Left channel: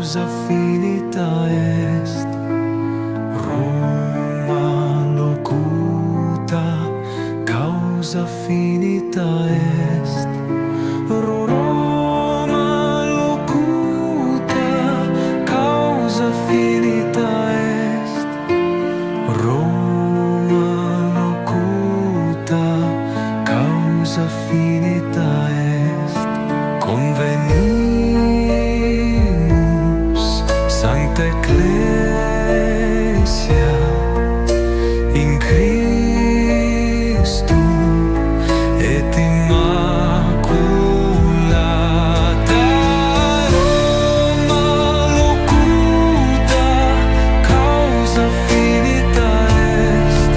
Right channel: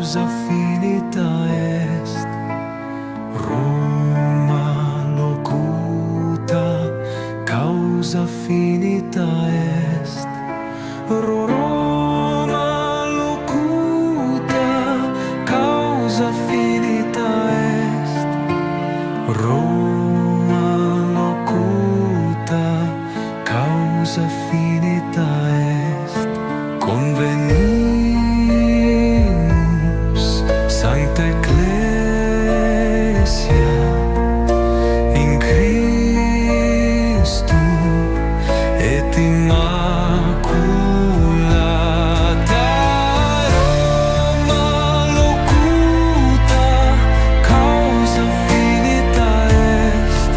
causa finita est, Roma locuta, causa finita est, Roma locuta, causa finita est, Roma locuta, causa finita est. Convenimus, Sancta Ecclesia, in Christum et Immaculata, Roma locuta, causa finita est,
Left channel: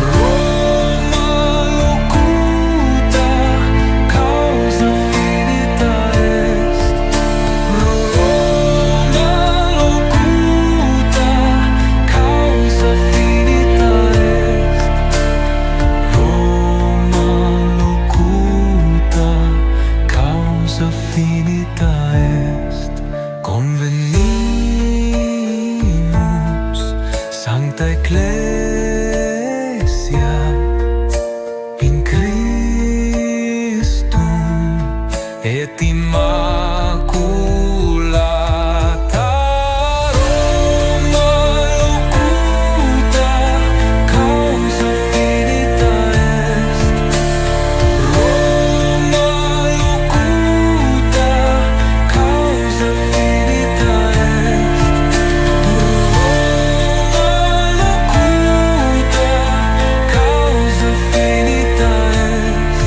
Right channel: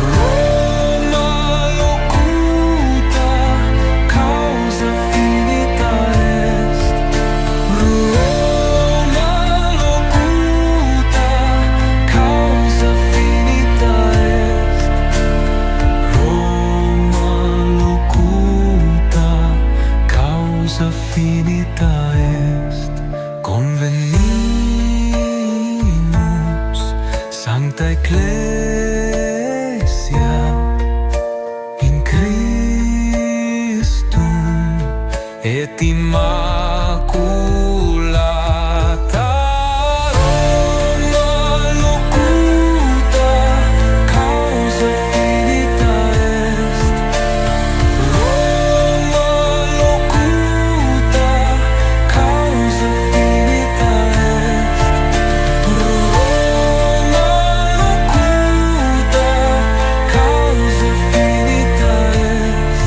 Roma locuta, causa finita est, Roma locuta, causa finita est, Roma locuta, causa finita est. Convenimus, Sancta Ecclesia, in Christum et Immaculata, Roma locuta, causa finita est, Roma locuta, causa finita est, Roma locuta, causa finita est,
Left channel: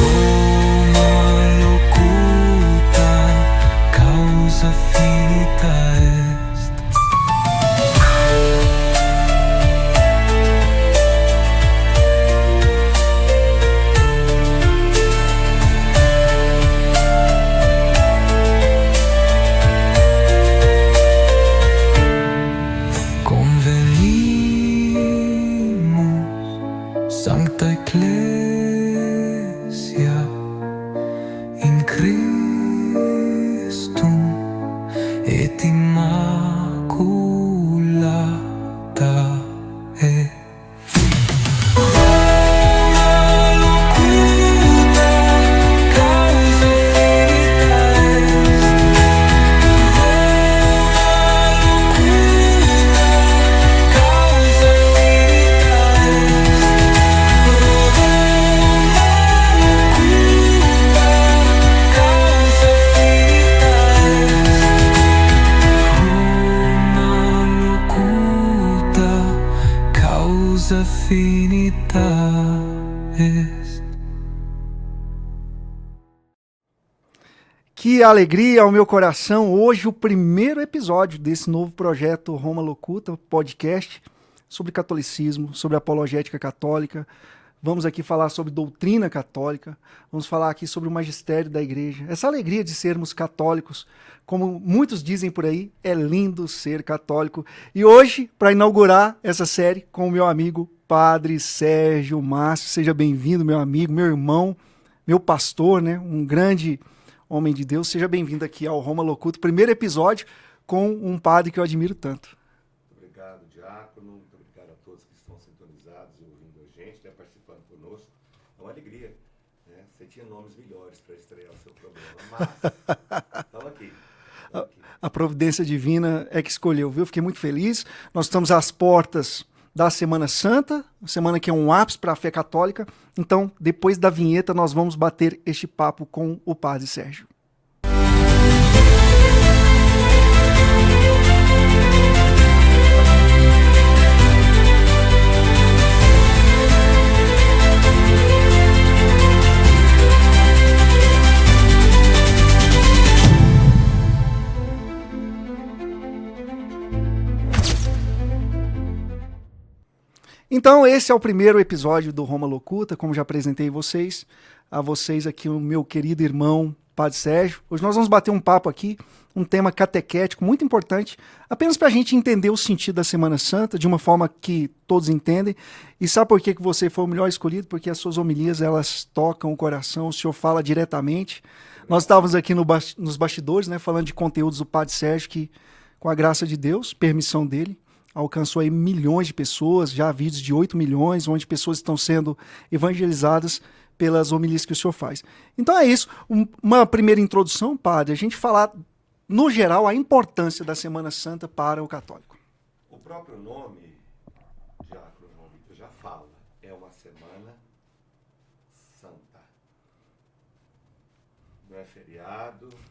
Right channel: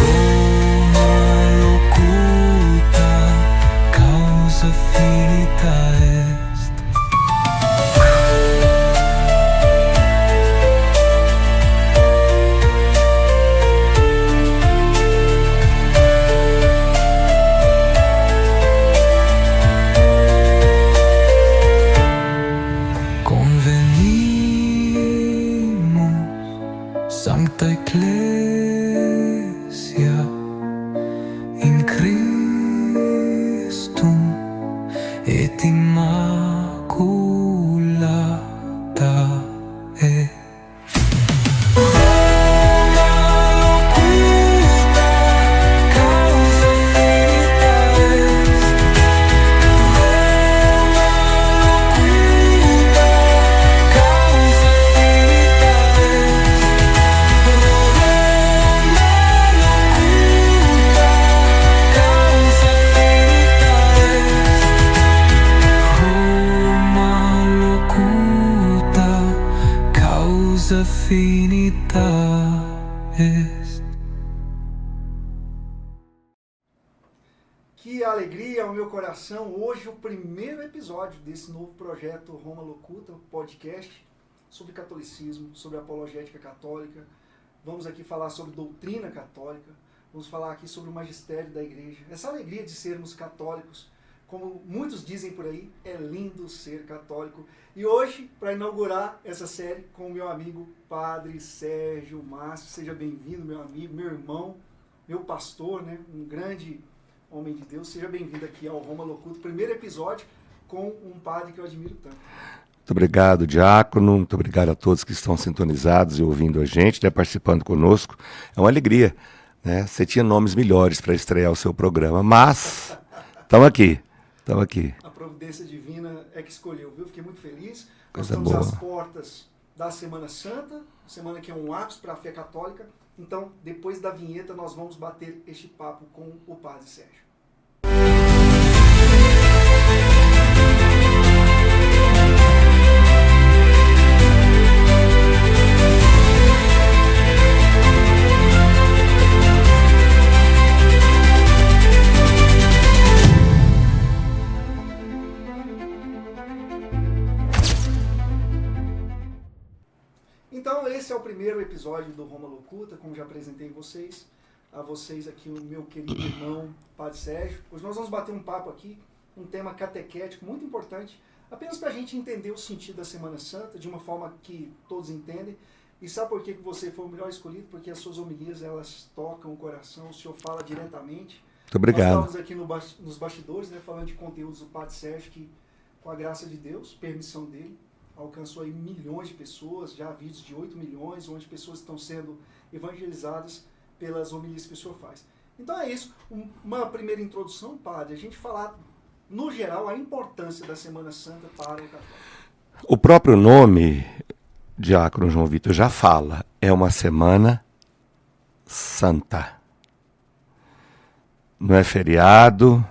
Roma locuta, causa finita est. Convenimus, Sancta Ecclesia, in Christum et Immaculata est. Roma locuta, causa finita est, Roma locuta, causa finita est, Roma locuta, causa finita est, Roma locuta, causa finita est. Que alegria ao meu coração! Hoje o primeiro episódio desse novo projeto Roma Locuta, podcast sobre catolicismo, sobre apologética católica. Vamos aqui falar sobre doutrina católica, vamos falar aqui sobre o magistério da igreja. Essa alegria de sermos católicos, como muitos dizem por aí, é lindo ser católico. E hoje, para inaugurar essa série com o meu amigo Padre Sérgio Márcio, seja bem-vindo, meu amigo, meu irmão, meu pastor, né? Um grande homem de Deus. Seja bem-vindo aqui ao Roma Locuta, primeiro episódio com um padre que eu admiro tanto. Muito obrigado, Diácono. Muito obrigado a todos que estão sintonizados e ouvindo a gente, né, participando conosco. É uma alegria, né? Você tinha nomes melhores para estrear o seu programa, mas estamos aqui. Estamos aqui. A providência divina é que escolheu, viu? Fiquei muito feliz. Nós Coisa estamos boa. às portas da Semana Santa, semana que é um ápice para a fé católica. Então, depois da vinheta, nós vamos bater este papo com o Padre Sérgio. Então, esse é o primeiro episódio do Roma Locuta, como já apresentei a vocês aqui o meu querido irmão, Padre Sérgio. Hoje nós vamos bater um papo aqui um tema catequético muito importante, apenas para a gente entender o sentido da Semana Santa de uma forma que todos entendem. E sabe por que você foi o melhor escolhido? Porque as suas homilias, elas tocam o coração, o senhor fala diretamente. Muito obrigado. Nós estávamos aqui nos bastidores, né, falando de conteúdos do Padre Sérgio, que, com a graça de Deus, permissão dele, alcançou aí milhões de pessoas, já há vídeos de 8 milhões, onde pessoas estão sendo evangelizadas pelas homilias que o senhor faz. Então é isso. Uma primeira introdução, padre, a gente falar, no geral, a importância da Semana Santa para o católico. O próprio nome, Diácono João Vitor, já fala, é uma Semana Santa. Não é feriado,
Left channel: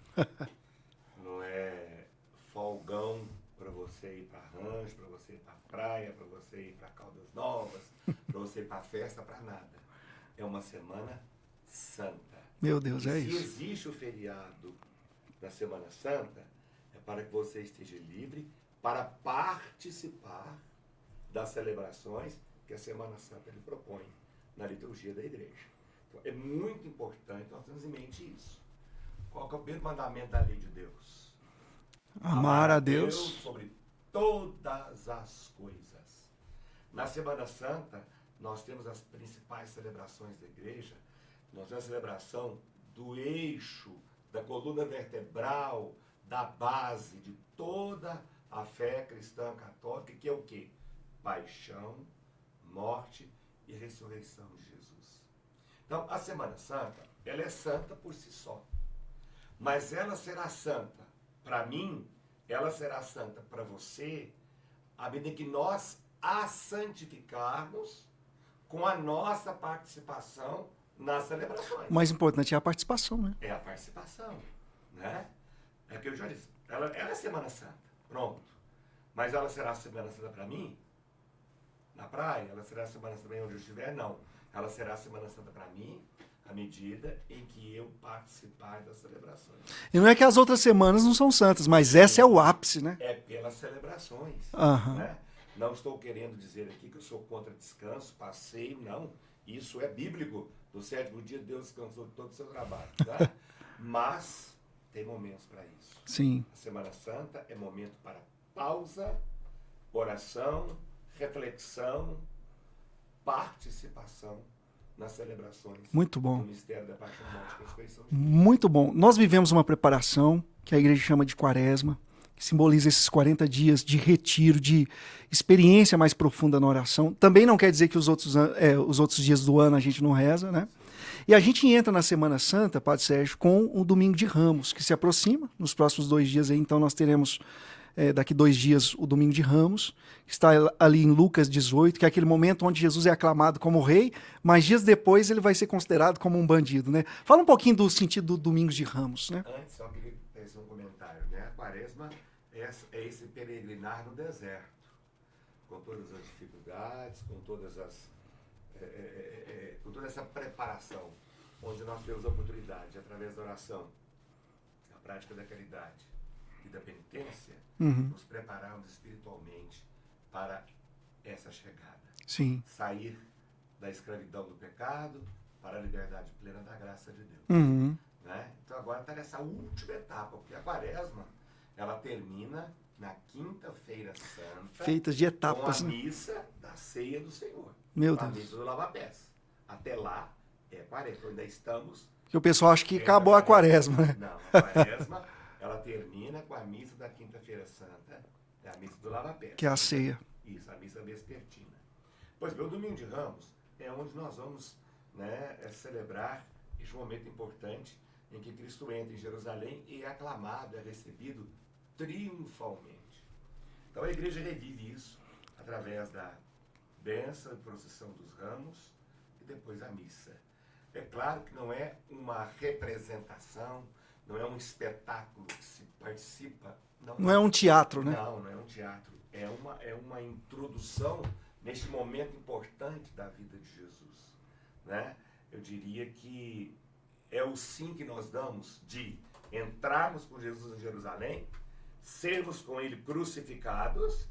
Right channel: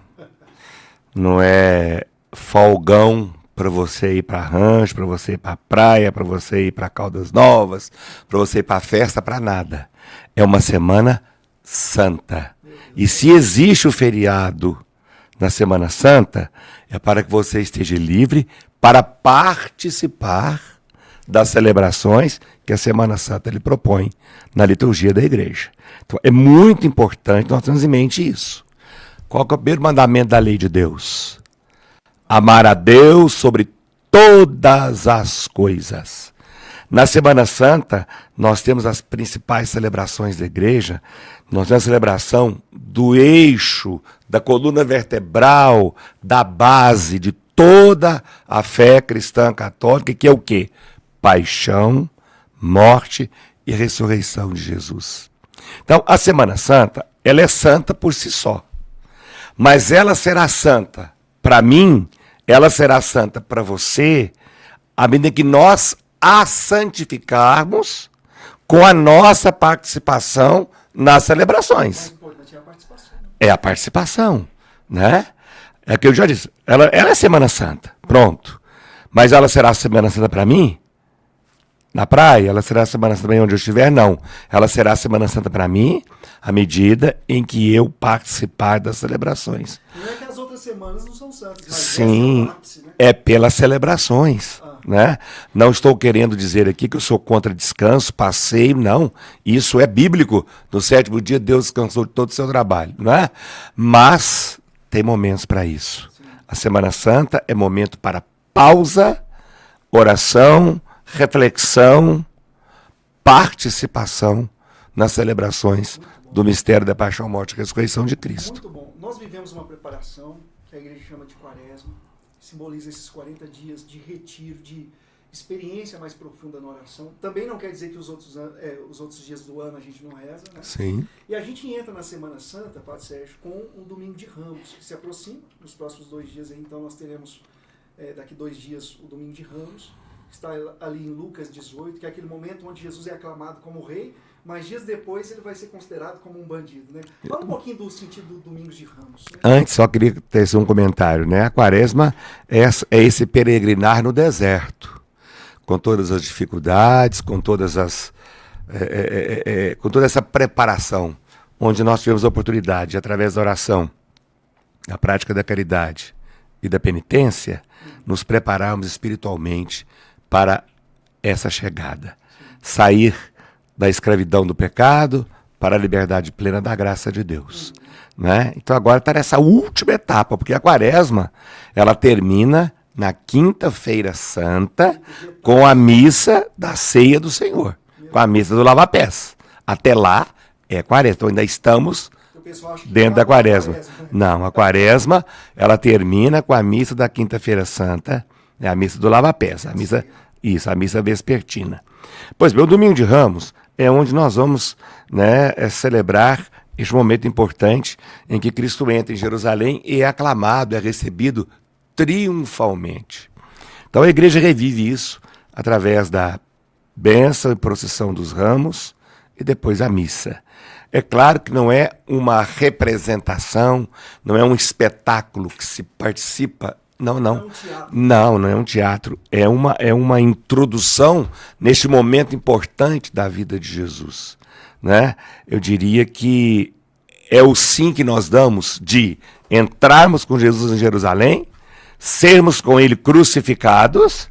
não é folgão para você ir para rancho, para você ir para praia, para você ir para Caldas Novas, para você ir para festa, para nada. É uma Semana Santa. Meu Deus, e se existe o feriado na Semana Santa, é para que você esteja livre para participar das celebrações que a Semana Santa lhe propõe na liturgia da igreja. Então, é muito importante nós termos em mente isso. Qual que é o primeiro mandamento da lei de Deus? Amar a Deus sobre todas as coisas. Na Semana Santa, nós temos as principais celebrações da igreja. Nós temos a celebração do eixo, da coluna vertebral, da base de toda a fé cristã católica, que é o quê? Paixão, morte e ressurreição de Jesus. Então, a Semana Santa, ela é santa por si só. Mas ela será santa para mim, ela será santa para você, à medida que nós a santificarmos com a nossa participação nas celebrações. O mais importante é a participação, né? É a participação, né? É o que eu já disse. Ela é Semana Santa, pronto. Mas ela será Semana Santa para mim? Na praia? Ela será Semana Santa para mim onde eu estiver? Não. Ela será Semana Santa para mim à medida em que eu participar das celebrações. E não é que as outras semanas não são santas, mas Sim, essa é o ápice, né? É pelas celebrações, Aham. né? Não estou querendo dizer aqui que eu sou contra descanso, passeio, não. Isso é bíblico. No 7º dia, Deus descansou de todo o seu trabalho, né? Mas tem momentos para isso. Sim. A Semana Santa é momento para pausa, oração, reflexão, participação nas celebrações Muito bom. do mistério da paixão, morte e ressurreição de Cristo. Muito bom. Nós vivemos uma preparação que a igreja chama de Quaresma, que simboliza esses 40 dias de retiro, de experiência mais profunda na oração. Também não quer dizer que os outros dias do ano a gente não reza, né? Sim. E a gente entra na Semana Santa, Padre Sérgio, com o Domingo de Ramos, que se aproxima. Nos próximos 2 dias aí, então nós teremos daqui 2 dias o Domingo de Ramos, que está ali em Lucas 18, que é aquele momento onde Jesus é aclamado como rei, mas dias depois ele vai ser considerado como um bandido, né? Fala um pouquinho do sentido do Domingos de Ramos, né? Antes, só queria ter um comentário, né? A Quaresma é esse peregrinar no deserto, com todas as dificuldades, com todas as com toda essa preparação, onde nós tivemos a oportunidade, através da oração, da prática da caridade e da penitência, nos prepararmos espiritualmente para essa chegada. Sim. Sair da escravidão do pecado para a liberdade plena da graça de Deus. Né? Então agora está nessa última etapa, porque a Quaresma ela termina na Quinta-feira Santa Feita de etapas. com a missa da Ceia do Senhor, Meu com a missa do lava-pés. Até lá é Quaresma, então ainda estamos O pessoal acha que dentro da acabou a Quaresma. né? Não, a Quaresma ela termina com a missa da Quinta-feira Santa, é a missa do lava-pés, Que é a a missa, ceia. isso, a missa vespertina. Pois bem, o Domingo de Ramos é onde nós vamos, né, celebrar este momento importante em que Cristo entra em Jerusalém e é aclamado, é recebido triunfalmente. Então a igreja revive isso através da bênção e procissão dos ramos e depois a missa. É claro que não é uma representação, não é um espetáculo que se participa. Não. Não é um teatro. Não é um teatro. É uma introdução neste momento importante da vida de Jesus. Né? Eu diria que é o sim que nós damos de entrarmos com Jesus em Jerusalém, sermos com ele crucificados,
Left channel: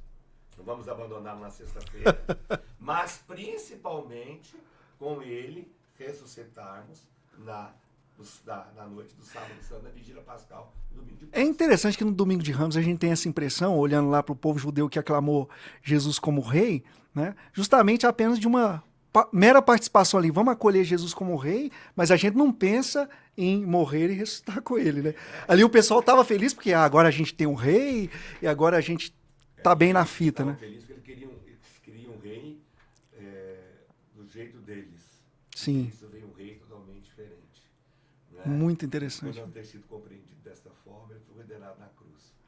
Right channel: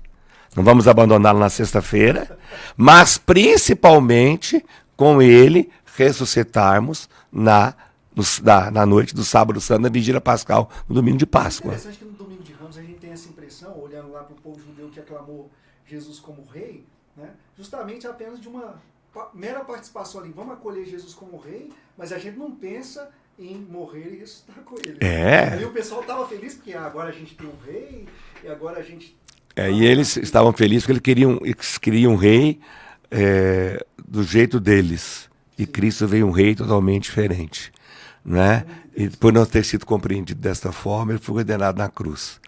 não vamos abandoná-lo na sexta-feira, mas principalmente com ele ressuscitarmos na na noite do sábado santo, na vigília pascal, no domingo de É Páscoa. interessante que no domingo de Ramos a gente tem essa impressão, olhando lá para o povo judeu que aclamou Jesus como rei, né? Justamente apenas de uma mera participação ali. Vamos acolher Jesus como rei, mas a gente não pensa em morrer e ressuscitar com ele. Né? Ali o pessoal estava feliz porque agora a gente tem um rei e agora a gente tá E bem na eles fita, estavam né? felizes porque eles queriam um rei do jeito deles. E Sim. Cristo veio um rei totalmente diferente. Né? Muito E interessante. por não ter sido compreendido desta forma, ele foi condenado na cruz.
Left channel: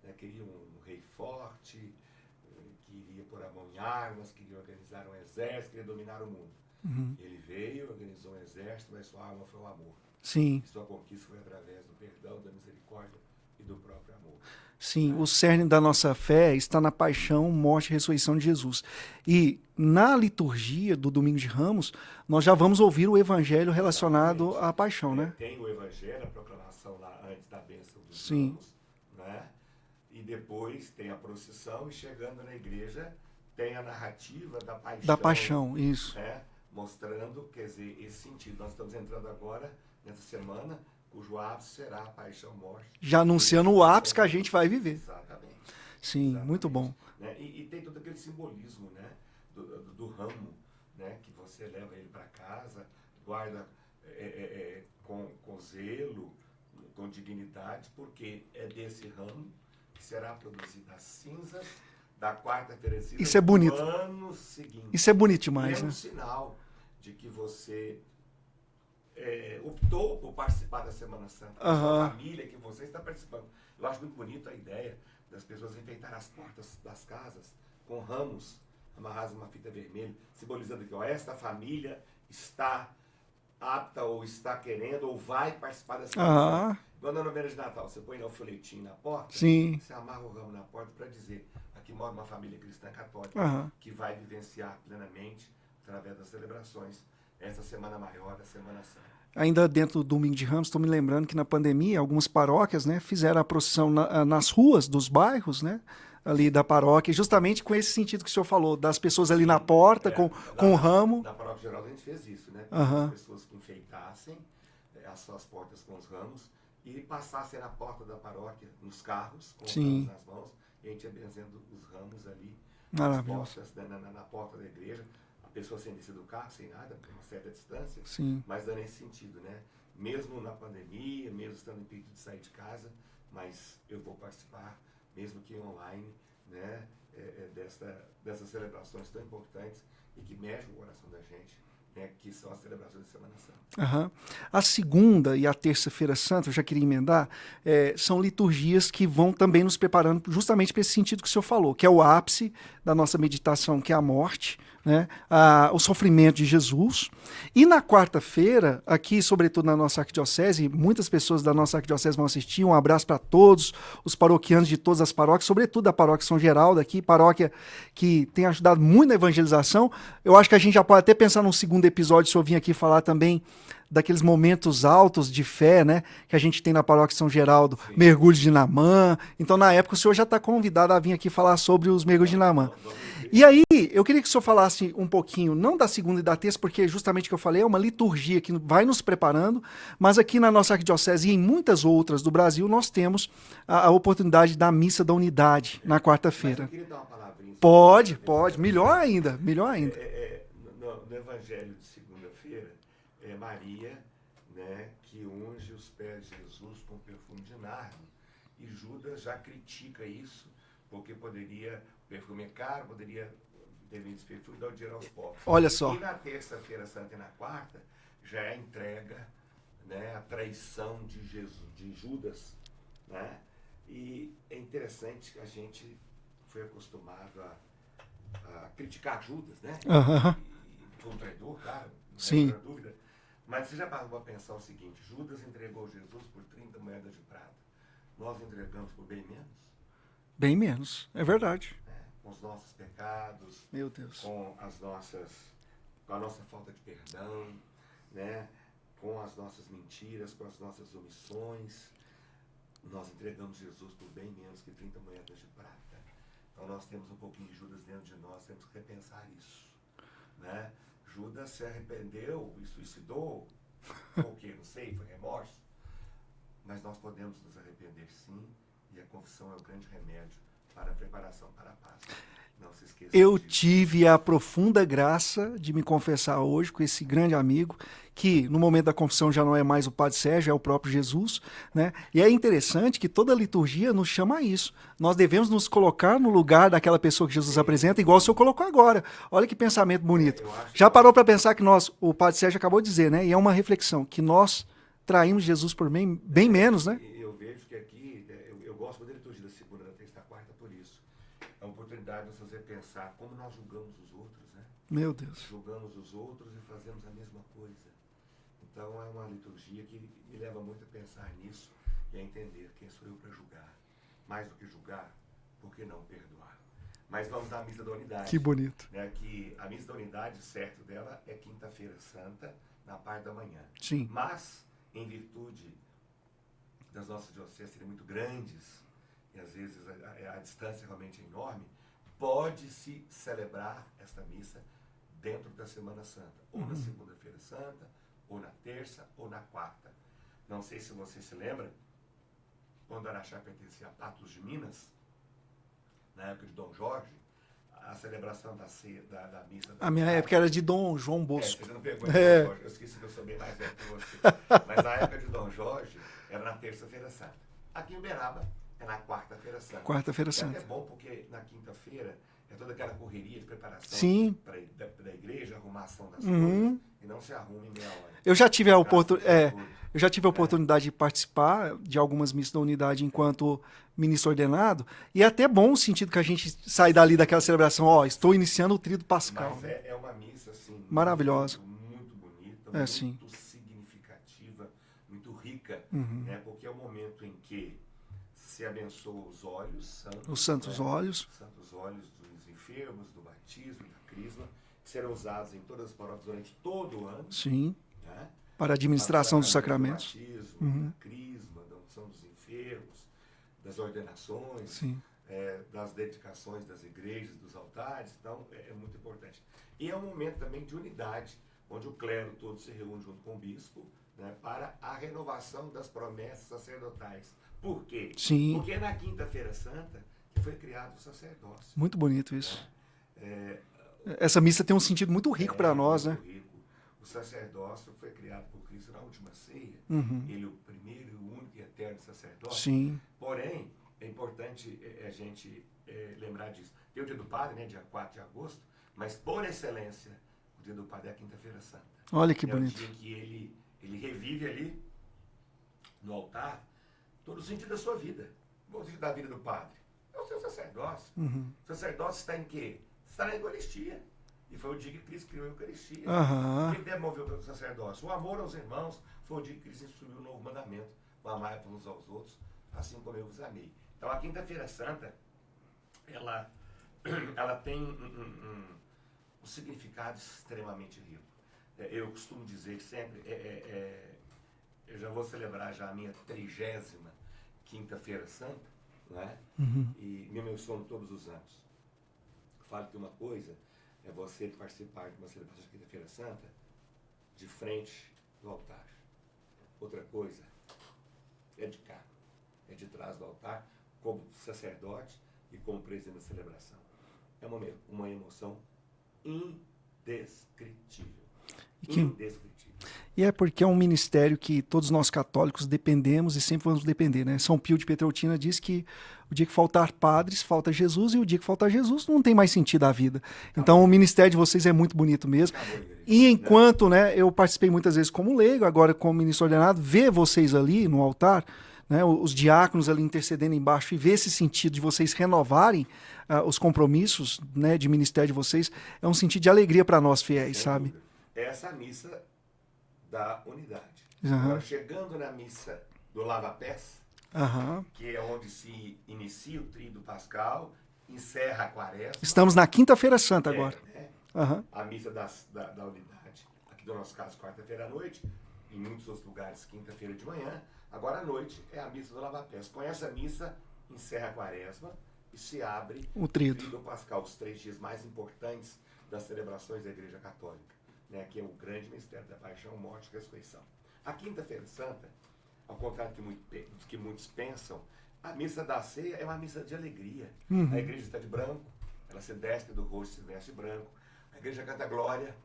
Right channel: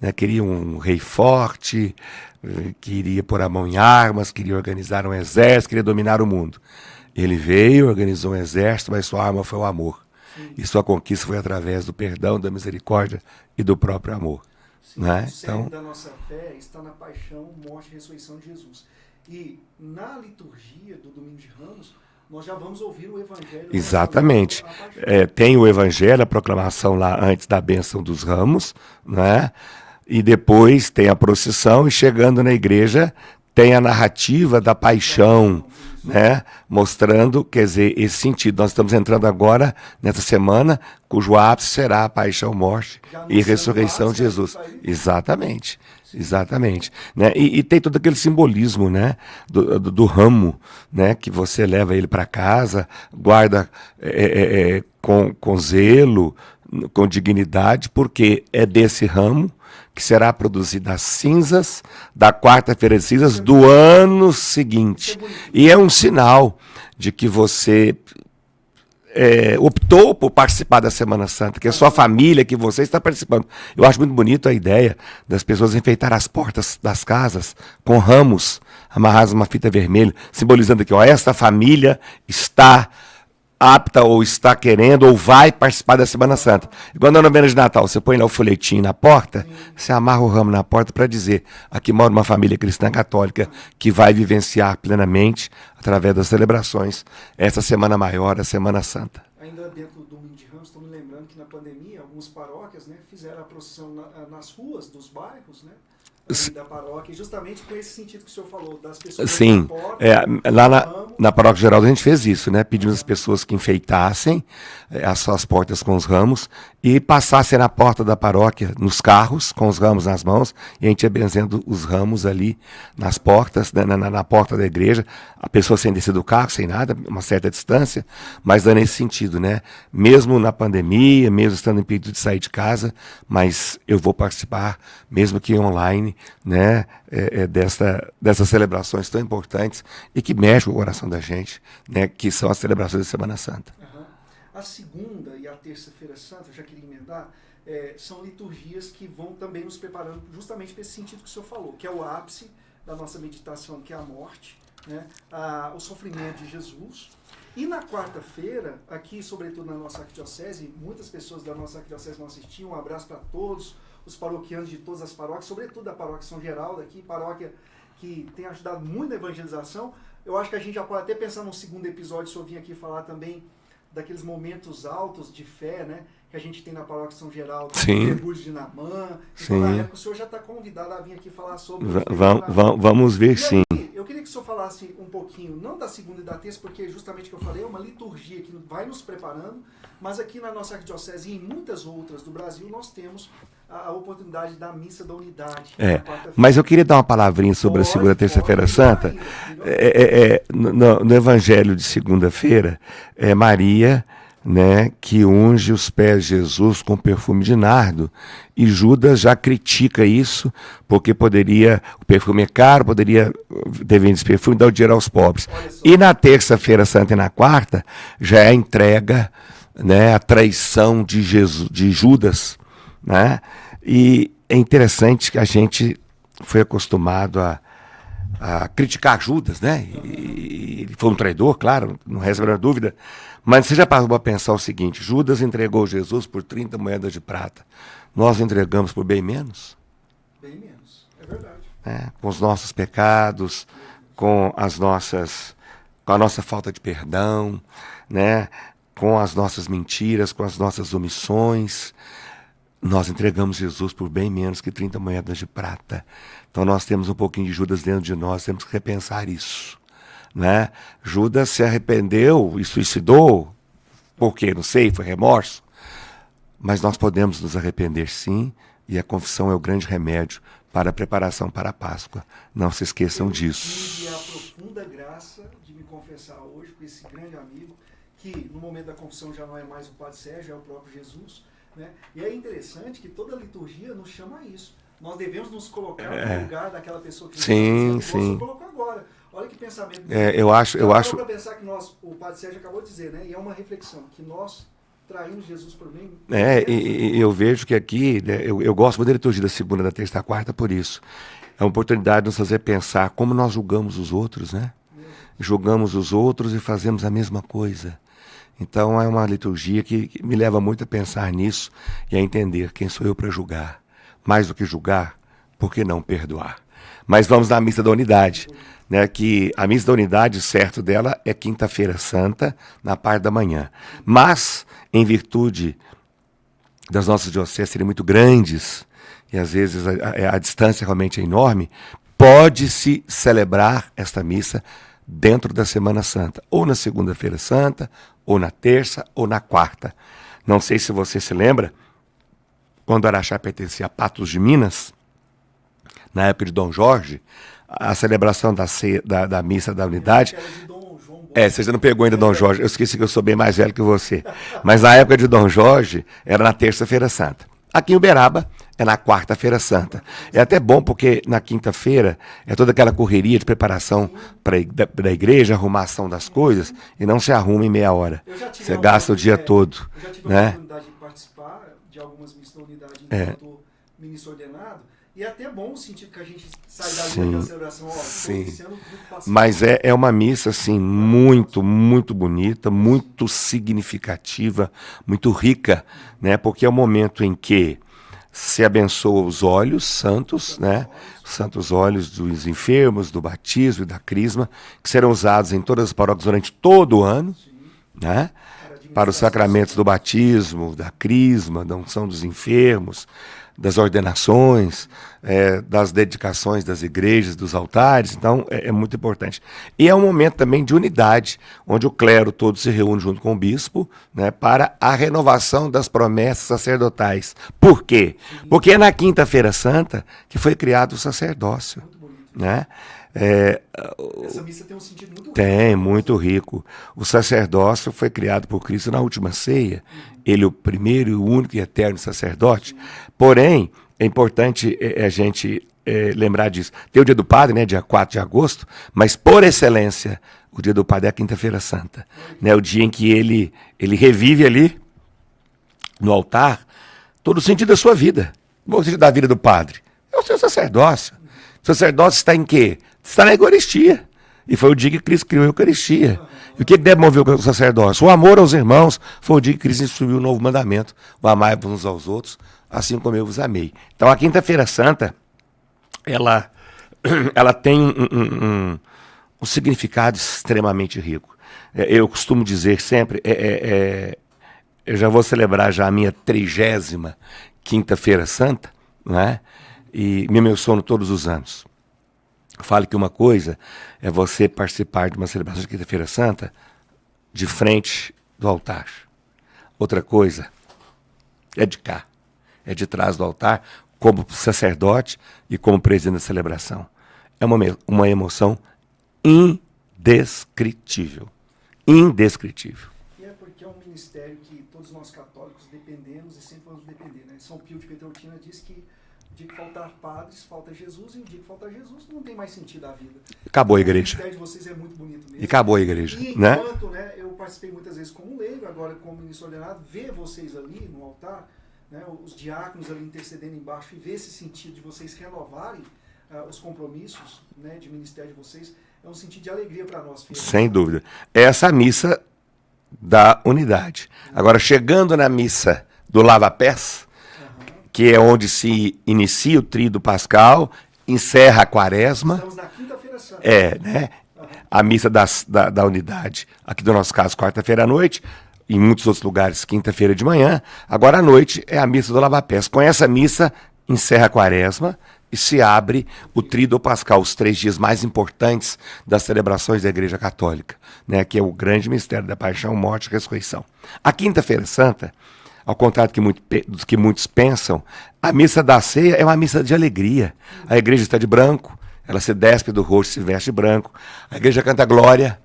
Né? Queria um rei forte, queria pôr a mão em armas, queria organizar um exército, queria dominar o mundo. Ele veio, organizou um exército, mas sua arma foi o amor. Sim. E sua conquista foi através do perdão, da misericórdia e do próprio amor. Sim, Né? o cerne Então, da nossa fé está na paixão, morte e ressurreição de Jesus. E na liturgia do Domingo de Ramos, nós já vamos ouvir o evangelho relacionado exatamente. à paixão. Tem o evangelho, a proclamação lá antes da bênção dos ramos, né? E depois tem a procissão e chegando na igreja tem a narrativa da paixão, isso. né? Mostrando, quer dizer, esse sentido. Nós estamos entrando agora, nessa semana, cujo ápice será a paixão, morte Já e anunciando o ressurreição ápice de que a gente Jesus. vai viver. Exatamente. Sim, Exatamente. muito Né? E tem todo aquele simbolismo, né? do ramo, né? Que você leva ele para casa, guarda com zelo, com dignidade, porque é desse ramo que será produzido as cinzas da quarta-feira de cinzas Isso é do bonito. ano seguinte. Isso é bonito, E é um sinal de que você optou por participar da Semana Santa, que é a sua família, que você está participando. Eu acho muito bonito a ideia das pessoas enfeitar as portas das casas com ramos amarrados numa fita vermelha, simbolizando que esta família está apta ou está querendo ou vai participar da Semana Santa. Igual na novena de Natal, você põe lá o folhetinho na porta, Sim. você amarra o ramo na porta para dizer, aqui mora uma família cristã católica que vai vivenciar plenamente, através das celebrações, essa Semana Maior, a Semana Santa. Ainda dentro do Domingo de Ramos, estou me lembrando que na pandemia, algumas paróquias, né, fizeram a procissão nas ruas dos bairros, né? Ali da paróquia, justamente com esse sentido que o senhor falou, das pessoas ali Sim, na porta, lá com o ramo. na Paróquia Geral a gente fez isso, né? Pedimos às pessoas que enfeitassem as suas portas com os ramos e passassem na porta da paróquia, nos carros, com os ramos nas mãos, e a gente ia benzendo os ramos ali nas portas, né, na porta da igreja, a pessoa sem descer do carro, sem nada, uma certa distância, mas dando esse sentido, né? Mesmo na pandemia, mesmo estando impedido de sair de casa, mas eu vou participar, mesmo que online, né? Dessas celebrações tão importantes e que mexem com o coração da gente, né? Que são as celebrações da Semana Santa. Aham. A segunda e a terça-feira santa, eu já queria emendar, são liturgias que vão também nos preparando justamente para esse sentido que o senhor falou, que é o ápice da nossa meditação, que é a morte, né? O sofrimento de Jesus. E na quarta-feira, aqui, sobretudo na nossa arquidiocese, muitas pessoas da nossa arquidiocese vão assistir, um abraço para todos os paroquianos de todas as paróquias, sobretudo da paróquia São Geraldo aqui, paróquia que tem ajudado muito na evangelização. Eu acho que a gente já pode até pensar num segundo episódio, se eu vim aqui falar também daqueles momentos altos de fé, né, que a gente tem na paróquia São Geraldo, Sim. mergulho de Namã. Então, Sim. na época, o senhor já está convidado a vir aqui falar sobre os mergulhos de Namã. Vamos ver, E sim. aí, eu queria que o senhor falasse um pouquinho, não da segunda e da terça, porque justamente o que eu falei é uma liturgia que vai nos preparando, mas aqui na nossa arquidiocese e em muitas outras do Brasil, nós temos a oportunidade da missa da unidade na quarta-feira. Mas eu queria dar uma palavrinha sobre a segunda e terça-feira santa. Melhor ainda. No Evangelho de segunda-feira, é Maria, né, que unge os pés de Jesus com perfume de nardo. E Judas já critica isso, porque o perfume é caro, poderia ter vendido esse perfume e dar o dinheiro aos pobres. Olha só. E na terça-feira santa e na quarta, já é a entrega, né, a traição de Judas, né? E é interessante que a gente foi acostumado a criticar Judas, né? E ele foi um traidor, claro, não resta a menor dúvida. Mas você já parou para pensar o seguinte: Judas entregou Jesus por 30 moedas de prata. Nós entregamos por bem menos? Bem menos, é verdade. Né? Com os nossos pecados, com a nossa falta de perdão, né? Com as nossas mentiras, com as nossas omissões. Nós entregamos Jesus por bem menos que 30 moedas de prata. Então nós temos um pouquinho de Judas dentro de nós, temos que repensar isso. Né? Judas se arrependeu e suicidou Por quê? Não sei, foi remorso. Mas nós podemos nos arrepender, sim, e a confissão é o grande remédio para a preparação para a Páscoa. Não se esqueçam disso. Eu tive a profunda graça de me confessar hoje com esse grande amigo, que no momento da confissão já não é mais o Padre Sérgio, é o próprio Jesus, né? E é interessante que toda a liturgia nos chama a isso. Nós devemos nos colocar no lugar daquela pessoa que Jesus apresenta, igual o senhor colocou agora. Olha que pensamento bonito. Já parou para pensar que o Padre Sérgio acabou de dizer, né? E é uma reflexão, que nós traímos Jesus por bem menos, né? Eu vejo que aqui, né, eu gosto muito da liturgia da segunda, da terça e da quarta por isso. É uma oportunidade de nos fazer pensar como nós julgamos os outros, né? Meu Deus. Julgamos os outros e fazemos a mesma coisa. Então é uma liturgia que me leva muito a pensar nisso e a entender quem sou eu para julgar. Mais do que julgar, por que não perdoar? Mas vamos na Missa da Unidade. Que bonito. Né, que a Missa da Unidade, o certo dela, é quinta-feira santa, na parte da manhã. Sim. Mas, em virtude das nossas dioceses serem muito grandes, e às vezes a distância realmente é enorme, pode-se celebrar esta missa dentro da Semana Santa, ou na segunda-feira santa, ou na terça, ou na quarta. Não sei se você se lembra, quando Araxá pertencia a Patos de Minas, na época de Dom Jorge, a celebração da missa da Unidade... era de Dom João Bosco. Você não pegou ainda Dom Jorge, eu esqueci que eu sou bem mais velho que você. Mas na época de Dom Jorge, era na terça-feira santa. Aqui em Uberaba, é na quarta-feira santa. É até bom porque na quinta-feira é toda aquela correria de preparação para a igreja, arrumação das coisas, e não se arruma em meia hora. Eu já tive Você gasta o dia todo. Eu já tive a oportunidade de participar de algumas missas da Unidade enquanto ministro ordenado, e é até bom o sentido que a gente sai dali daquela celebração, estou iniciando o tríduo pascal. Mas é uma missa, assim, muito, muito bonita, muito significativa, muito rica, né? Porque é o momento em que se abençoa os olhos santos, né? Os santos olhos dos enfermos, do batismo e da crisma, que serão usados em todas as paróquias durante todo o ano, né? Para os sacramentos do batismo, da crisma, da unção dos enfermos, das ordenações, das dedicações das igrejas, dos altares. Então, é muito importante. E é um momento também de unidade, onde o clero todo se reúne junto com o bispo, né, para a renovação das promessas sacerdotais. Por quê? Porque é na Quinta-feira Santa que foi criado o sacerdócio. Muito bonito isso. Né? Essa missa tem um sentido muito rico. Tem, muito rico. O sacerdócio foi criado por Cristo na última ceia. Ele é o primeiro e o único e eterno sacerdote. Porém, é importante a gente lembrar disso. Tem o dia do Padre, né, dia 4 de agosto, mas por excelência, o dia do Padre é a Quinta-feira Santa. Né, o dia em que ele revive ali, no altar, todo o sentido da sua vida. O sentido da vida do Padre é o seu sacerdócio. O sacerdócio está em quê? Está na Eucaristia. E foi o dia que Cristo criou a Eucaristia. E o que deve mover o sacerdócio? O amor aos irmãos. Foi o dia que Cristo instituiu o novo mandamento. O amai-vos uns aos outros, assim como eu vos amei. Então, a Quinta-feira Santa, ela tem um significado extremamente rico. Eu costumo dizer sempre, eu já vou celebrar já a minha 30ª Quinta-feira Santa, né? E me emociono todos os anos. Falo que uma coisa é você participar de uma celebração de Quinta-feira Santa de frente do altar. Outra coisa é de cá, é de trás do altar, como sacerdote e como presidente da celebração. É uma emoção indescritível. Indescritível. E é porque é um ministério que todos nós católicos dependemos e sempre vamos depender, né? São Pio de Pietrelcina diz que o dia que faltar padres, falta Jesus, e o dia que faltar Jesus não tem mais sentido a vida. Acabou então, a igreja. O ministério de vocês é muito bonito mesmo. Acabou a igreja. E enquanto, né, eu participei muitas vezes como leigo, agora como ministro ordenado, ver vocês ali no altar, né, os diáconos ali intercedendo embaixo, e ver esse sentido de vocês renovarem os compromissos, né, de ministério de vocês, é um sentido de alegria para nós fiéis. Sem dúvida. Essa missa da unidade. Agora, chegando na missa do lava-pés, que é onde se inicia o tríduo pascal, encerra a quaresma. Estamos na Quinta-feira Santa. Né? A missa da unidade. Aqui no nosso caso, quarta-feira à noite. Em muitos outros lugares, quinta-feira de manhã. Agora à noite é a missa do lava-pés. Com essa missa, encerra a quaresma e se abre o tríduo. Tríduo Pascal, os 3 dias mais importantes das celebrações da Igreja Católica, né, que é o grande mistério da paixão, morte e ressurreição. A Quinta-feira Santa, ao contrário do que muitos pensam, a missa da ceia é uma missa de alegria. A igreja está de branco, ela se despe do rosto, se veste de branco. A igreja canta glória,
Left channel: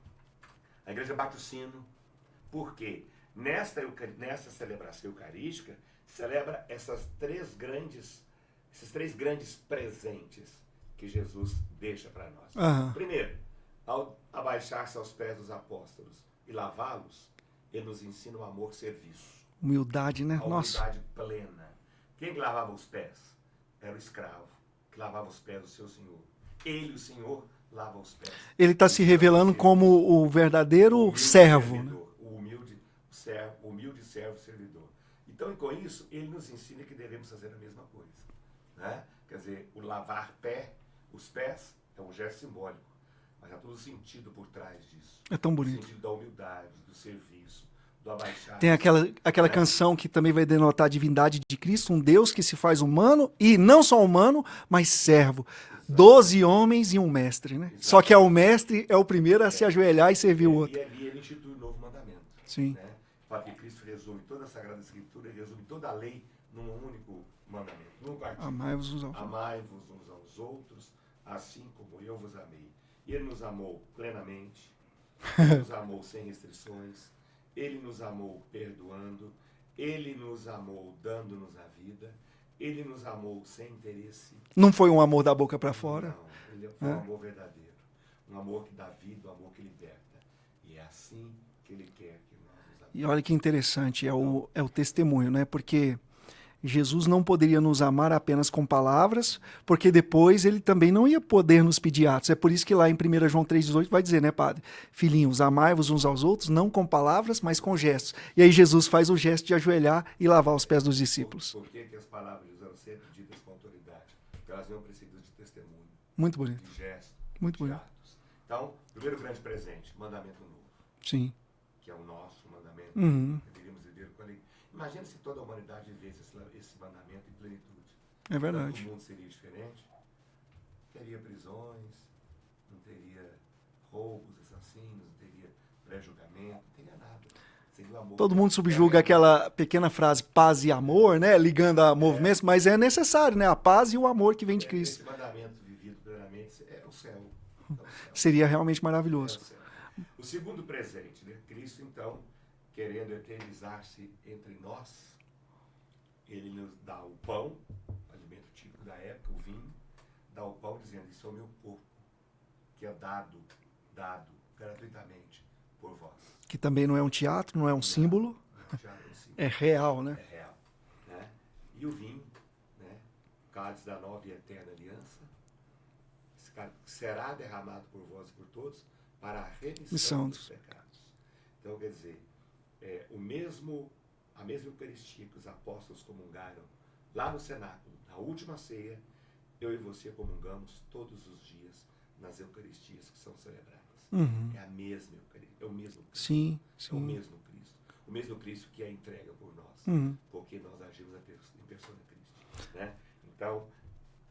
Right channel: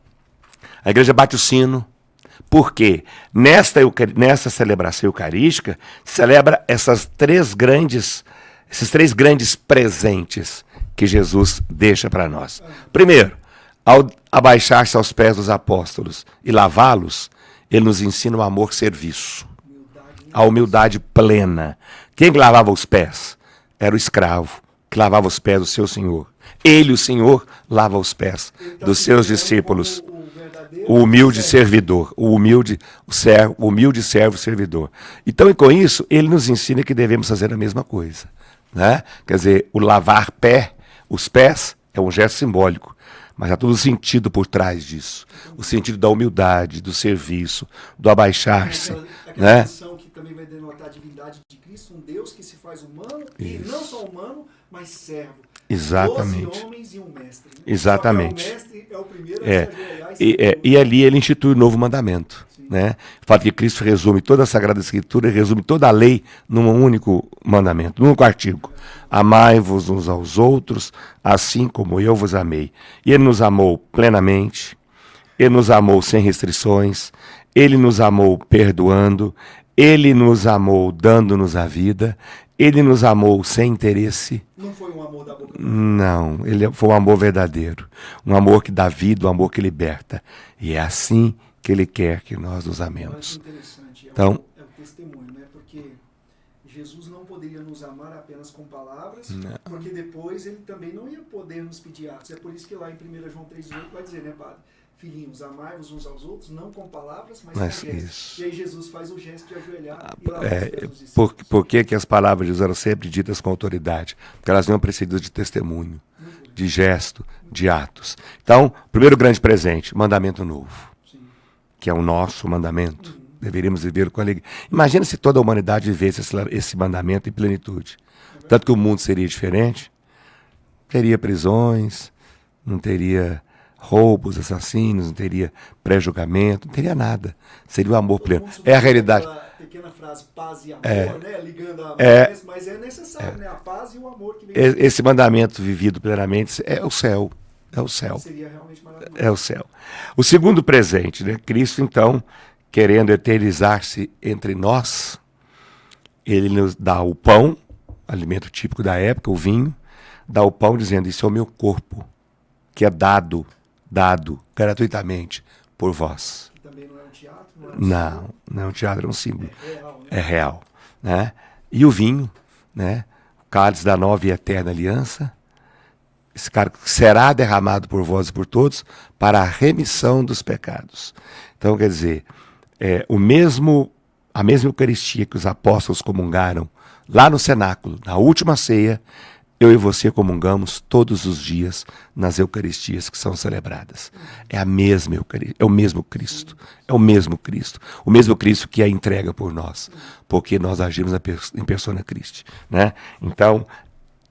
a igreja bate o sino. Por quê? Nessa celebração eucarística, celebra esses 3 grandes presentes que Jesus deixa para nós. Primeiro, ao abaixar-se aos pés dos apóstolos e lavá-los, ele nos ensina o amor-serviço. Humildade, né? A humildade plena. Quem lavava os pés? Era o escravo, que lavava os pés do seu senhor. Ele, o Senhor, lava os pés Ele está dos se seus revelando discípulos. como o verdadeiro O humilde servo. servidor, o humilde servo servidor. Então, e com isso, ele nos ensina que devemos fazer a mesma coisa, né? Quer dizer, o lavar os pés é um gesto simbólico, mas há todo o sentido por trás disso. É tão O bonito. sentido da humildade, do serviço, do Tem abaixar-se. aquela né? canção que também vai denotar a divindade de Cristo, um Deus que se faz humano, e não só humano, mas servo. Exatamente. 12 homens e um mestre, né? Só que Exatamente. o mestre é o primeiro a É. se ajoelhar e servir o outro. E ali ele institui um novo mandamento. Sim. Né? O fato que Cristo resume toda a Sagrada Escritura, resume toda a lei num único mandamento, num único artigo. Amai-vos uns aos outros, assim como eu vos amei. E ele nos amou plenamente, ele nos amou sem restrições, ele nos amou perdoando, ele nos amou dando-nos a vida, ele nos amou sem interesse. Não foi um amor da boca para fora. Não, ele foi um amor verdadeiro, um amor que dá vida, um amor que liberta. E é assim que ele quer que nós nos amemos. Olha que interessante, Então- é o testemunho, né? Porque Jesus não poderia nos amar apenas com palavras, Né. porque depois ele também não ia poder nos pedir atos. É por isso que lá em 1 João 3,18 vai dizer, né, padre? Filhinhos, amai-vos uns aos outros, não com palavras, mas com Mas gestos. isso. E aí Jesus faz o gesto de ajoelhar e lavar os pés dos discípulos. Por que as palavras de Jesus eram sempre ditas com autoridade? Porque elas vinham precedidas de testemunho, Muito bonito. de gesto, de atos. Então, primeiro grande presente, mandamento novo, Sim. que é o nosso mandamento. Deveríamos viver com alegria. Imagina se toda a humanidade vivesse esse mandamento em plenitude. verdade. Tanto que o mundo seria diferente, teria prisões, não teria roubos, assassinos, não teria pré-julgamento, não teria nada. Seria o amor Todo pleno. mundo É a substitui realidade. aquela pequena frase paz e amor, né? Ligando a amor, mas é necessário, né? A paz e o amor que vem de Cristo. Esse mandamento vivido plenamente é o céu. É o céu. Seria realmente maravilhoso. É o céu. O segundo presente, né? Cristo, então, querendo eternizar-se entre nós, ele nos dá o pão, alimento típico da época, o vinho, dá o pão dizendo, isso é o meu corpo, que é dado gratuitamente por vós. Que também não é um teatro, não é um símbolo. Não é um teatro, é um símbolo. É real, né? É real. Né? E o vinho, né? O cálice da nova e eterna aliança, esse cara será derramado por vós e por todos para a remissão dos pecados. Então, quer dizer, a mesma Eucaristia que os apóstolos comungaram lá no cenáculo, na última ceia, eu e você comungamos todos os dias nas Eucaristias que são celebradas. É a mesma Eucaristia, é o mesmo Cristo. É o mesmo Cristo. O mesmo Cristo que a entrega por nós, porque nós agimos em persona Christi, né? Então,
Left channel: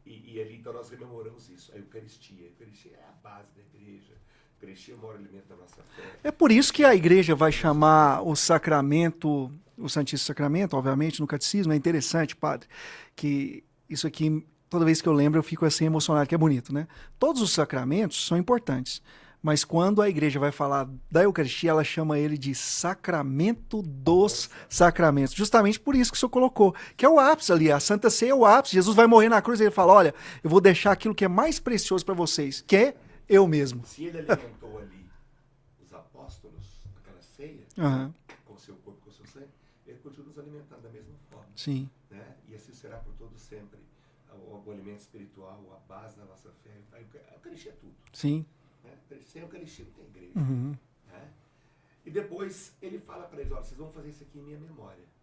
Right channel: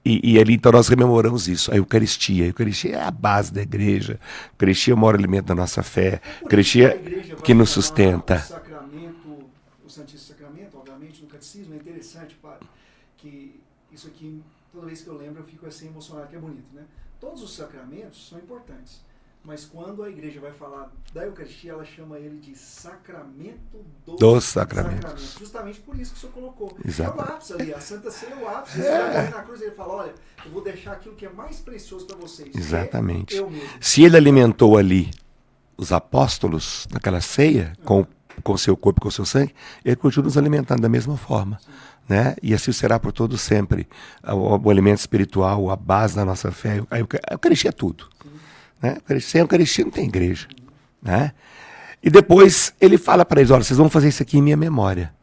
e ali então nós rememoramos isso, a Eucaristia. A Eucaristia é a base da igreja. A Eucaristia é o maior alimento da nossa fé. É por isso que a igreja vai que nos chamar sustenta. o sacramento, o Santíssimo Sacramento, obviamente, no catecismo. É interessante, padre, que isso aqui, toda vez que eu lembro, eu fico assim emocionado, que é bonito, né? Todos os sacramentos são importantes, mas quando a igreja vai falar da Eucaristia, ela chama ele de sacramento dos sacramentos. Justamente por isso que o senhor colocou. Que é o ápice ali, a Santa Ceia é o ápice. Jesus vai morrer na cruz e ele fala, olha, eu vou deixar aquilo que é mais precioso para vocês, Exatamente. que é eu mesmo. Se ele alimentou ali os apóstolos naquela ceia, com o seu corpo e com o seu sangue, ele continua nos alimentando da mesma forma. Né? E assim será por todo sempre. O alimento espiritual, a base da nossa fé, a Eucaristia é tudo. Sim. Né? Sem Eucaristia não tem igreja. Né? E depois ele fala para eles, olha, vocês vão fazer isso aqui em minha memória.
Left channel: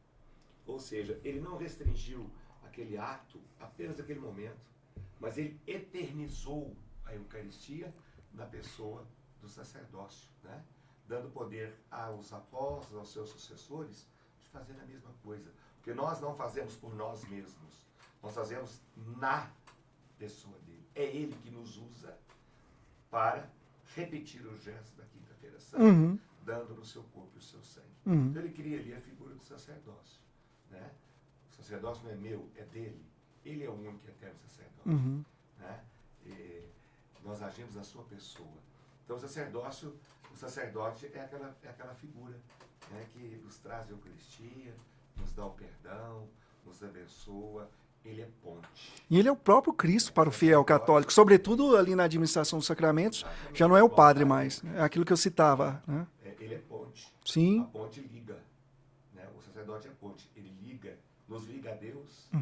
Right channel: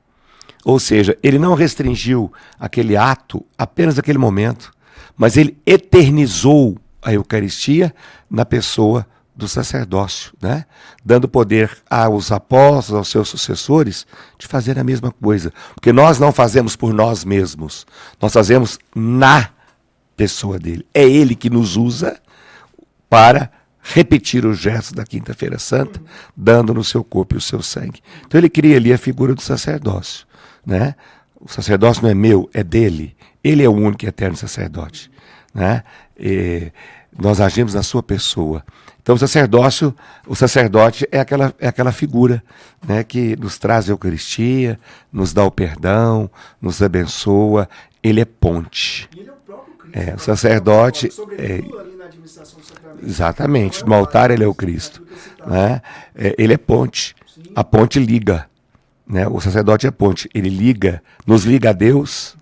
Ou seja, ele não restringiu aquele ato apenas naquele momento, mas ele eternizou a Eucaristia na pessoa do sacerdócio, né? Dando poder aos apóstolos, aos seus sucessores, de fazer a mesma coisa. Porque nós não fazemos por nós mesmos, nós fazemos na pessoa dele. É ele que nos usa para repetir os gestos da Quinta-feira Santa, dando no seu corpo e o seu sangue. Então ele cria ali a figura do sacerdócio, né? O sacerdócio não é meu, é dele. Ele é o único e eterno sacerdote, né? E nós agimos na sua pessoa. Então o sacerdote é aquela figura, né, que nos traz a Eucaristia, nos dá o perdão, nos abençoa. Ele é ponte. E ele é o próprio Cristo para sacerdote, o fiel católico, sobretudo ali na administração dos sacramentos. Exatamente, Já não no é o altar padre, ele é o mas Cristo. É aquilo que eu citava. Né? Ele é ponte. Sim. A ponte liga. Né? O sacerdote é ponte. Ele liga, nos liga a Deus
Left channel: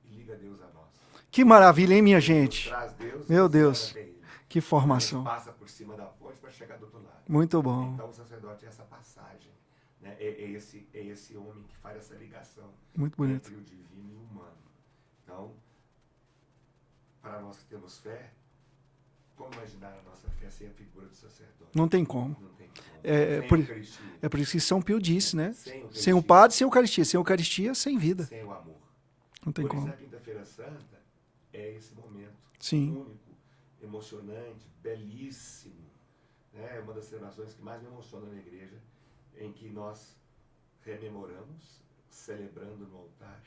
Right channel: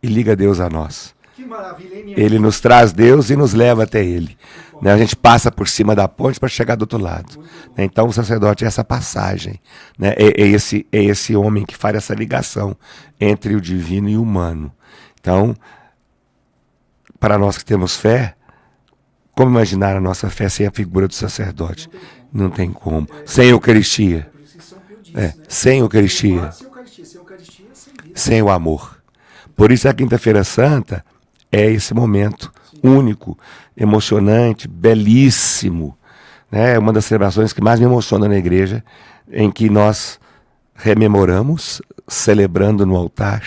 e liga Deus a nós. Que maravilha, hein, minha gente? Ele nos traz Deus e Meu nos Deus. leva até Ele. Que Né? formação. A gente passa por cima da ponte para chegar do outro lado. Muito bom. Então o sacerdote é essa passagem. Né? É esse homem que faz essa ligação entre o divino e o humano. Então, para nós que temos fé, como imaginar a nossa fé sem a figura do sacerdote? Não tem como. Não tem como. É sem Eucaristia. É por isso que São Pio disse, né? Sem Eucaristia. Sem o padre, sem Eucaristia. Sem Eucaristia, sem vida. Sem o amor. Por isso a Quinta-feira Santa é esse momento único, emocionante, belíssimo. Né? É uma das celebrações que mais me emociona na igreja, em que nós rememoramos, celebrando no altar,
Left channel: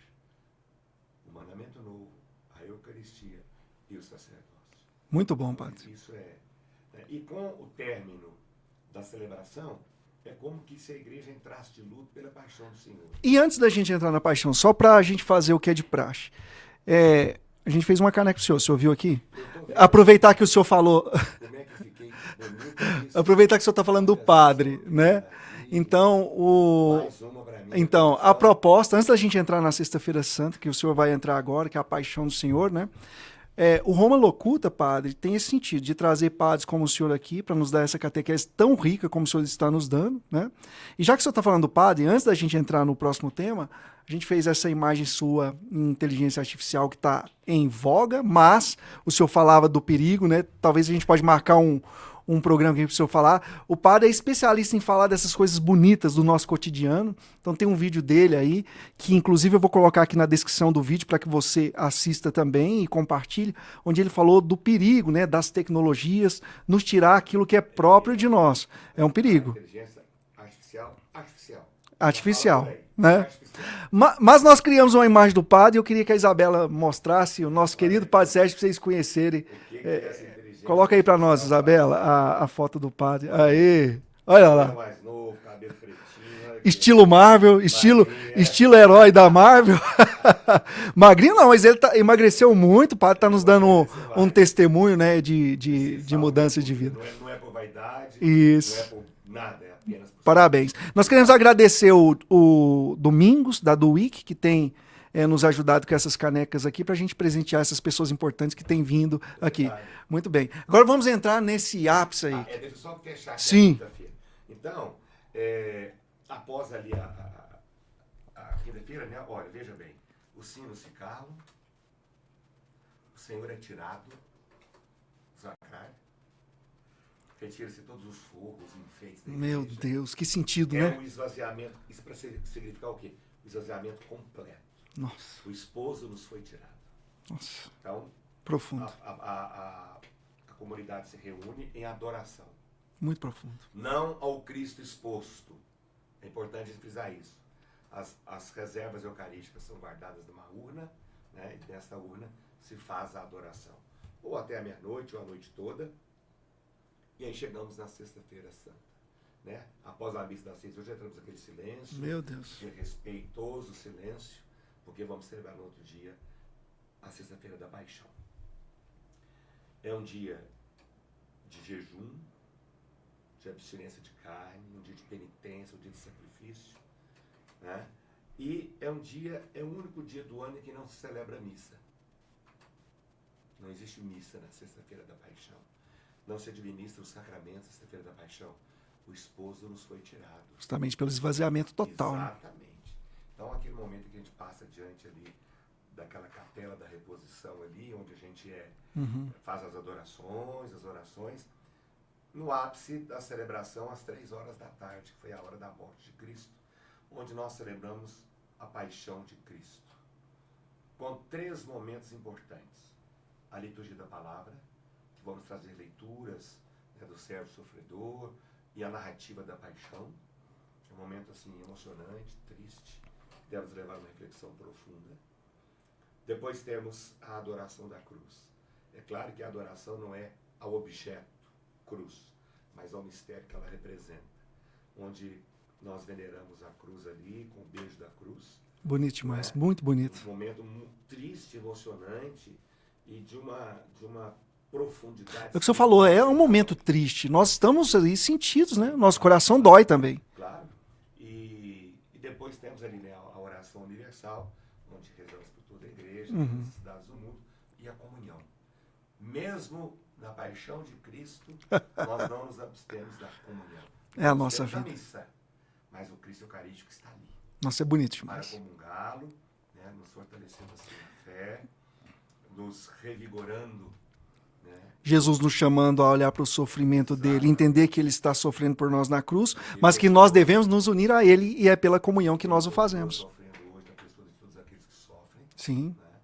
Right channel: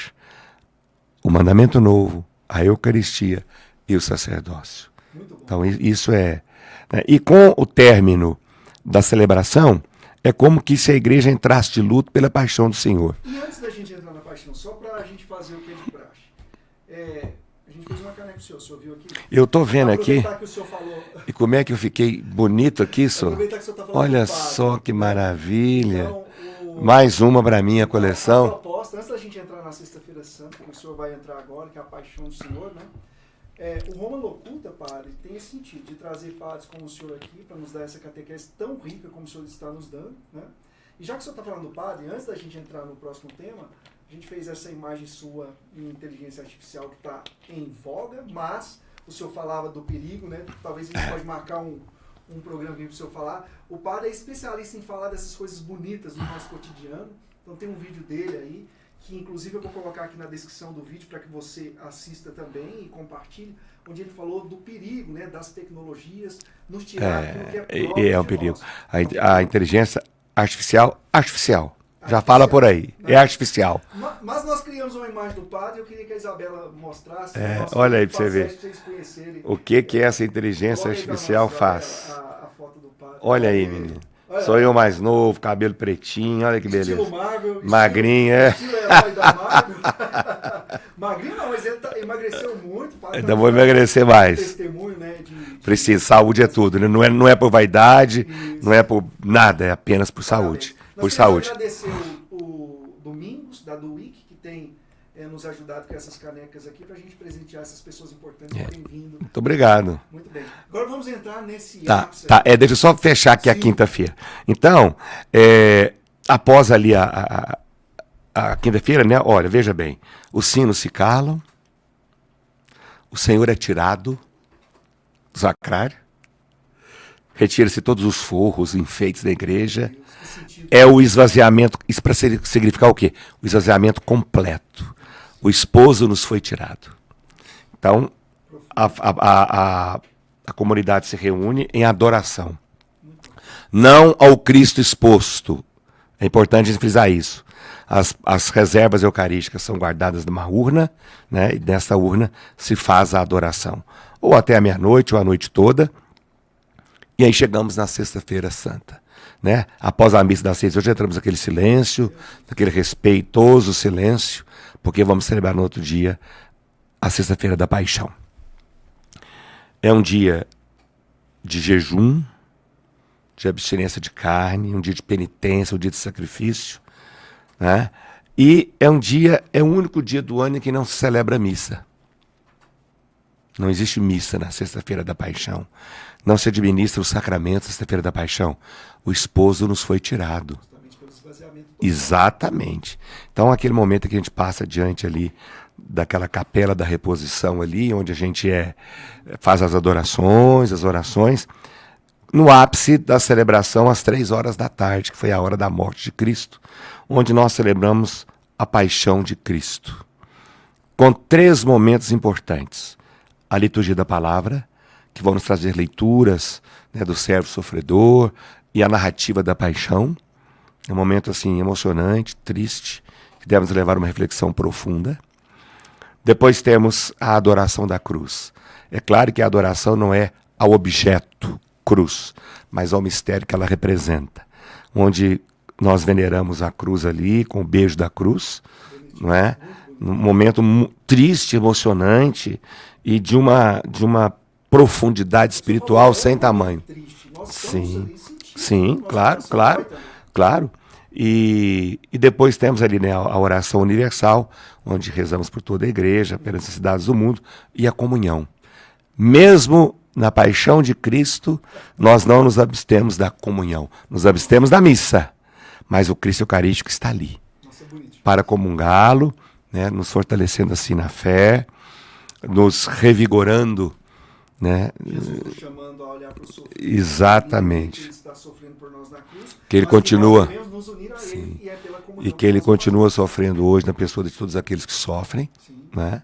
o mandamento novo, a Eucaristia e o sacerdócio. Muito bom. Então isso é... Né? E com o término da celebração, é como que se a igreja entrasse de luto pela paixão do Senhor. E antes da gente entrar na paixão, só para a gente fazer o que é de praxe, a gente fez uma caneca pro senhor viu aqui? Eu tô vendo Aproveitar aqui, que o senhor falou... e como é que eu fiquei bonito aqui, senhor? Aproveitar que o senhor está falando Olha do padre. só que né? maravilha. Então, Mais uma para minha então, coleção. a proposta, antes da gente entrar na Sexta-feira Santa, que o senhor vai entrar agora, que é a paixão do Senhor, né? O Roma Locuta, padre, tem esse sentido de trazer padres como o senhor aqui para nos dar essa catequese tão rica como o senhor está nos dando, né? E já que o senhor está falando do padre, antes da gente entrar no próximo tema, a gente fez essa imagem sua em inteligência artificial que está em voga, mas o senhor falava do perigo, né? Talvez a gente pode marcar um programa aqui para o senhor falar. O padre é especialista em falar dessas coisas bonitas do nosso cotidiano. Então tem um vídeo dele aí, que inclusive eu vou colocar aqui na descrição do vídeo para que você assista também e compartilhe, onde ele falou do perigo, né, das tecnologias, nos tirar aquilo que é próprio de nós. A inteligência artificial. Já fala por aí, né? É artificial. Mas nós criamos uma imagem do padre e eu queria que a Isabela mostrasse o nosso olha aí querido pra Padre você ver. Sérgio, para vocês conhecerem. O que é essa inteligência Coloca aí para nós, artificial Isabela, faz? a foto do padre. Olha aí. Olha Sou lá. eu mais novo, cabelo pretinho, olha que Estilo beleza. Marvel, Magrinho, estilo herói da Marvel. Magrinho não, mas ele emagreceu muito, o padre está Ainda nos vou dando emagrecer um mais. testemunho, né, de Precisa, saúde é mudança de tudo, né? vida. Não é por vaidade, Isso. não é por nada, é apenas por Parabéns. saúde. Nós Por queremos saúde. agradecer o Domingos, da Duic, que tem nos ajudado com essas canecas aqui, para a gente presentear essas pessoas importantes que têm vindo. Muito obrigado. Muito bem. Agora vamos entrar nesse Tá, ápice tá. aí. Deixa eu só fechar aqui Sim. a quinta-feira. Então, após ali a quinta-feira, né? Olha, veja bem, os sinos se calam, o Senhor é tirado do sacrário, retira-se todos os forros, enfeites da igreja. Meu Deus, que sentido. É o esvaziamento, isso para significar o quê? O esvaziamento completo. O esposo nos foi tirado. Então, Profundo. a comunidade se reúne em adoração. Muito profundo. Não ao Cristo exposto. É importante a gente frisar isso. As reservas eucarísticas são guardadas numa urna, né? E nessa urna se faz a adoração. Ou até a meia-noite, ou a noite toda. E aí chegamos na Sexta-feira Santa. Né? Após a missa das 6, hoje entramos naquele silêncio, naquele respeitoso silêncio, porque vamos celebrar no outro dia a Sexta-feira da Paixão. É um dia de jejum, de abstinência de carne, um dia de penitência, um dia de sacrifício. Né? E é o único dia do ano em que não se celebra missa. Não existe missa na Sexta-feira da Paixão. Não se administra o sacramento na Sexta-feira da Paixão. O esposo nos foi tirado. Justamente pelo esvaziamento total. Exatamente. Então, aquele momento que a gente passa diante ali daquela capela da reposição ali, onde a gente faz as adorações, as orações, no ápice da celebração às 3 horas da tarde, que foi a hora da morte de Cristo, onde nós celebramos a paixão de Cristo. Com 3 momentos importantes. a liturgia da palavra, que vão nos trazer leituras, né, do servo sofredor e a narrativa da paixão. É um momento assim emocionante, triste, que deve nos levar a uma reflexão profunda. Depois temos a adoração da cruz. É claro que a adoração não é ao objeto cruz, mas ao mistério que ela representa, onde nós veneramos a cruz ali, com o beijo da cruz. Bonito, não é? muito bonito. Um momento triste, emocionante e de uma profundidade É o que você espiritual falou, sem um momento tamanho. triste. Nós estamos Sim. ali sentidos, Sim, né? Nosso claro, coração claro. dói também. Claro. E depois temos ali, né, a oração universal, onde rezamos por toda a igreja, pelas necessidades do mundo, e a comunhão. Mesmo na paixão de Cristo, nós não nos abstemos da comunhão. Nos abstemos da missa, mas o Cristo Eucarístico está ali Nossa, é bonito. para comungá-lo, né, nos fortalecendo assim na fé, nos revigorando, né? Jesus nos chamando a olhar para o sofrimento, Exatamente. dele, entender que ele está sofrendo por nós na cruz, Que ele mas que continua- nós devemos nos unir a ele e é pela comunhão E que ele nós o continua fazemos. sofrendo hoje na pessoa de todos aqueles que sofrem. Sim. Né?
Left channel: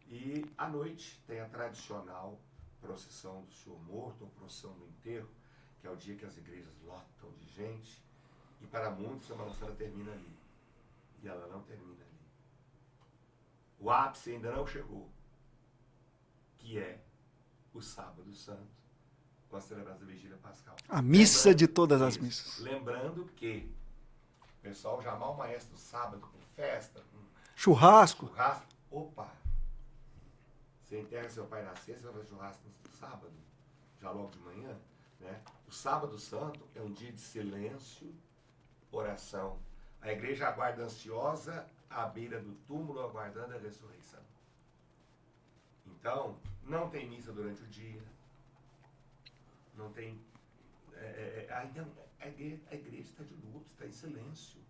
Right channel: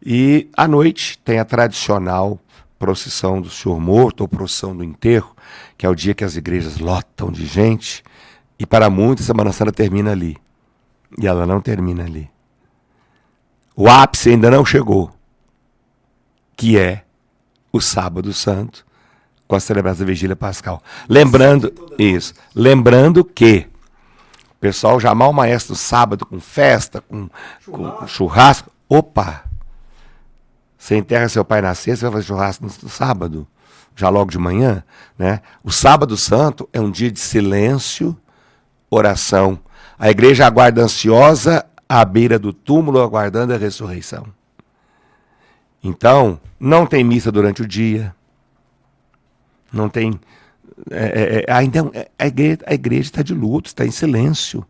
E à noite tem a tradicional procissão do Senhor Morto, ou procissão do enterro, que é o dia que as igrejas lotam de gente, e para muitos a Semana Santa termina ali. E ela não termina ali. O ápice ainda não chegou, que é o Sábado Santo, com a celebração da Vigília Pascal. missa Lembrando de todas as isso, missas. lembrando que o pessoal já mal maestro sábado com festa, com Churrasco. churrasco. Opa! Você enterra seu pai na sexta, vai fazer churrasco no sábado, já logo de manhã, né? O Sábado Santo é um dia de silêncio, oração. A igreja aguarda ansiosa à beira do túmulo, aguardando a ressurreição. Então, não tem missa durante o dia, não tem... ainda a igreja está de luto, está em silêncio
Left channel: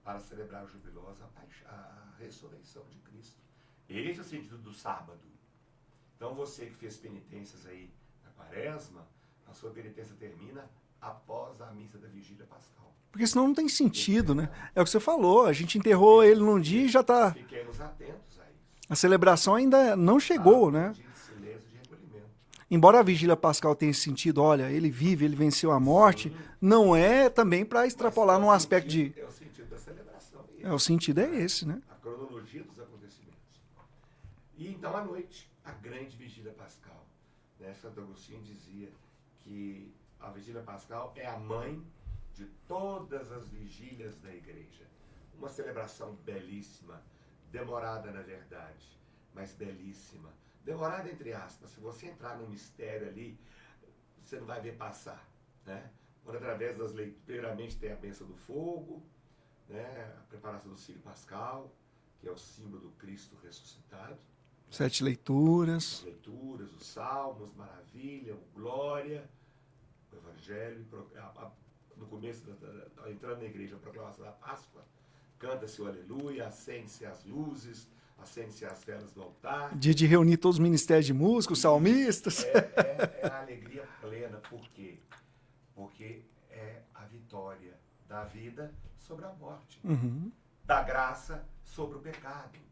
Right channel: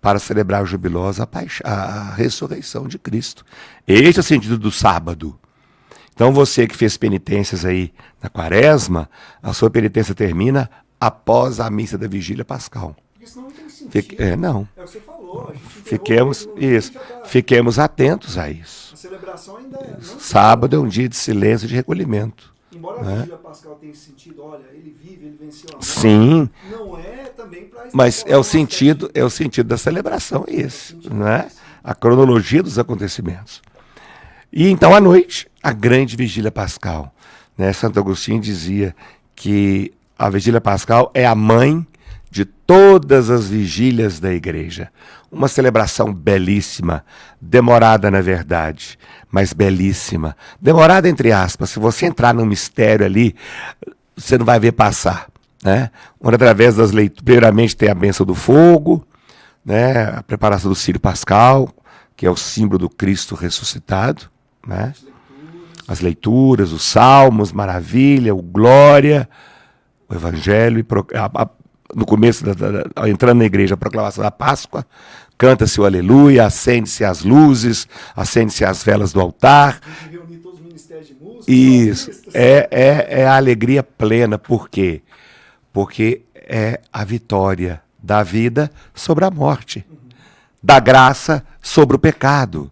para celebrar jubilosa a ressurreição de Cristo. Esse é o sentido do sábado. Então você que fez penitências aí na quaresma, a sua penitência termina após a missa da Vigília Pascal. Porque senão não tem sentido. É, né? não. É o que você falou, a gente enterrou ele num dia e já está... Fiquemos atentos a isso. A celebração ainda não chegou. Sábado é um né? dia de silêncio e de recolhimento. Embora a Vigília Pascal tenha esse sentido, olha, ele vive, ele venceu a morte, Sim. não é também para Mas extrapolar é o um aspecto sentido, de- é o sentido da celebração, é esse. o sentido não é é? esse, né? A cronologia dos acontecimentos. E então, à noite, a grande Vigília Pascal. Né? Santo Agostinho dizia que a Vigília Pascal é a mãe de todas as vigílias da igreja. Uma celebração belíssima, demorada na verdade, mas belíssima. Demorada entre aspas, se você entrar no mistério ali, você não vai ver passar. Né? Onde através das leituras, primeiramente tem a bênção do fogo, né? A preparação do Círio Pascal, que é o símbolo do Cristo ressuscitado. Né? As leituras. As leituras, os salmos, maravilha, o glória, o evangelho, no começo, entrando na igreja, a proclamação da Páscoa, canta-se o aleluia, acende-se as luzes, acende-se as velas do altar. Dia de reunir todos os ministérios de música, os Isso, salmistas. é a alegria plena, por quê? Porque é a vitória da vida sobre a morte, da graça sobre o pecado,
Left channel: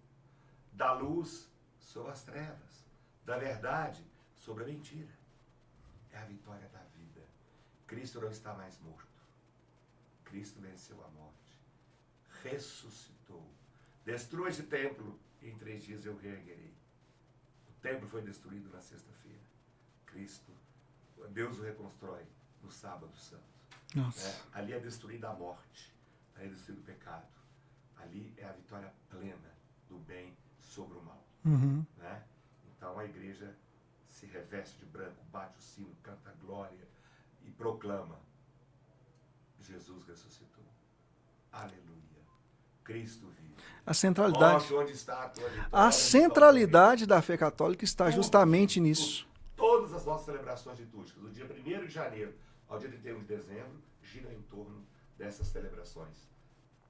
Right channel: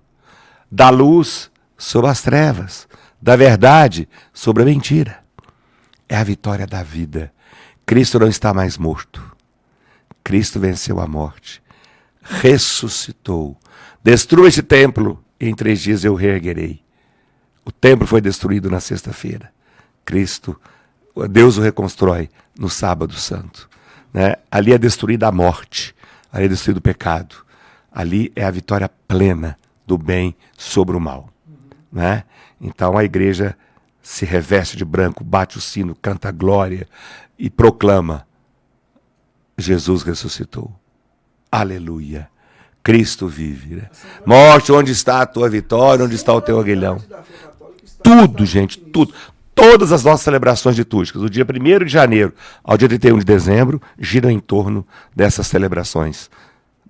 da luz sobre as trevas, da verdade sobre a mentira. É a vitória da vida. Cristo não está mais morto. Cristo venceu a morte. Ressuscitou. Destrua este templo e em 3 dias eu reerguerei. O templo foi destruído na sexta-feira. Cristo, Deus o reconstrói no sábado santo. Né? Ali é destruída a morte. Ali é destruído o pecado. Ali é a vitória plena do bem sobre o mal. Né? Então a igreja se reveste de branco, bate o sino, canta a glória e proclama: Jesus ressuscitou. Aleluia. Cristo vive. Né? A centralidade- Morte, onde está a tua vitória? Onde está o teu aguilhão? A centralidade da fé católica está Tudo, justamente gente, nisso. tudo. Todas as nossas celebrações litúrgicas, do dia 1º de janeiro ao dia 31 de dezembro, giram em torno dessas celebrações.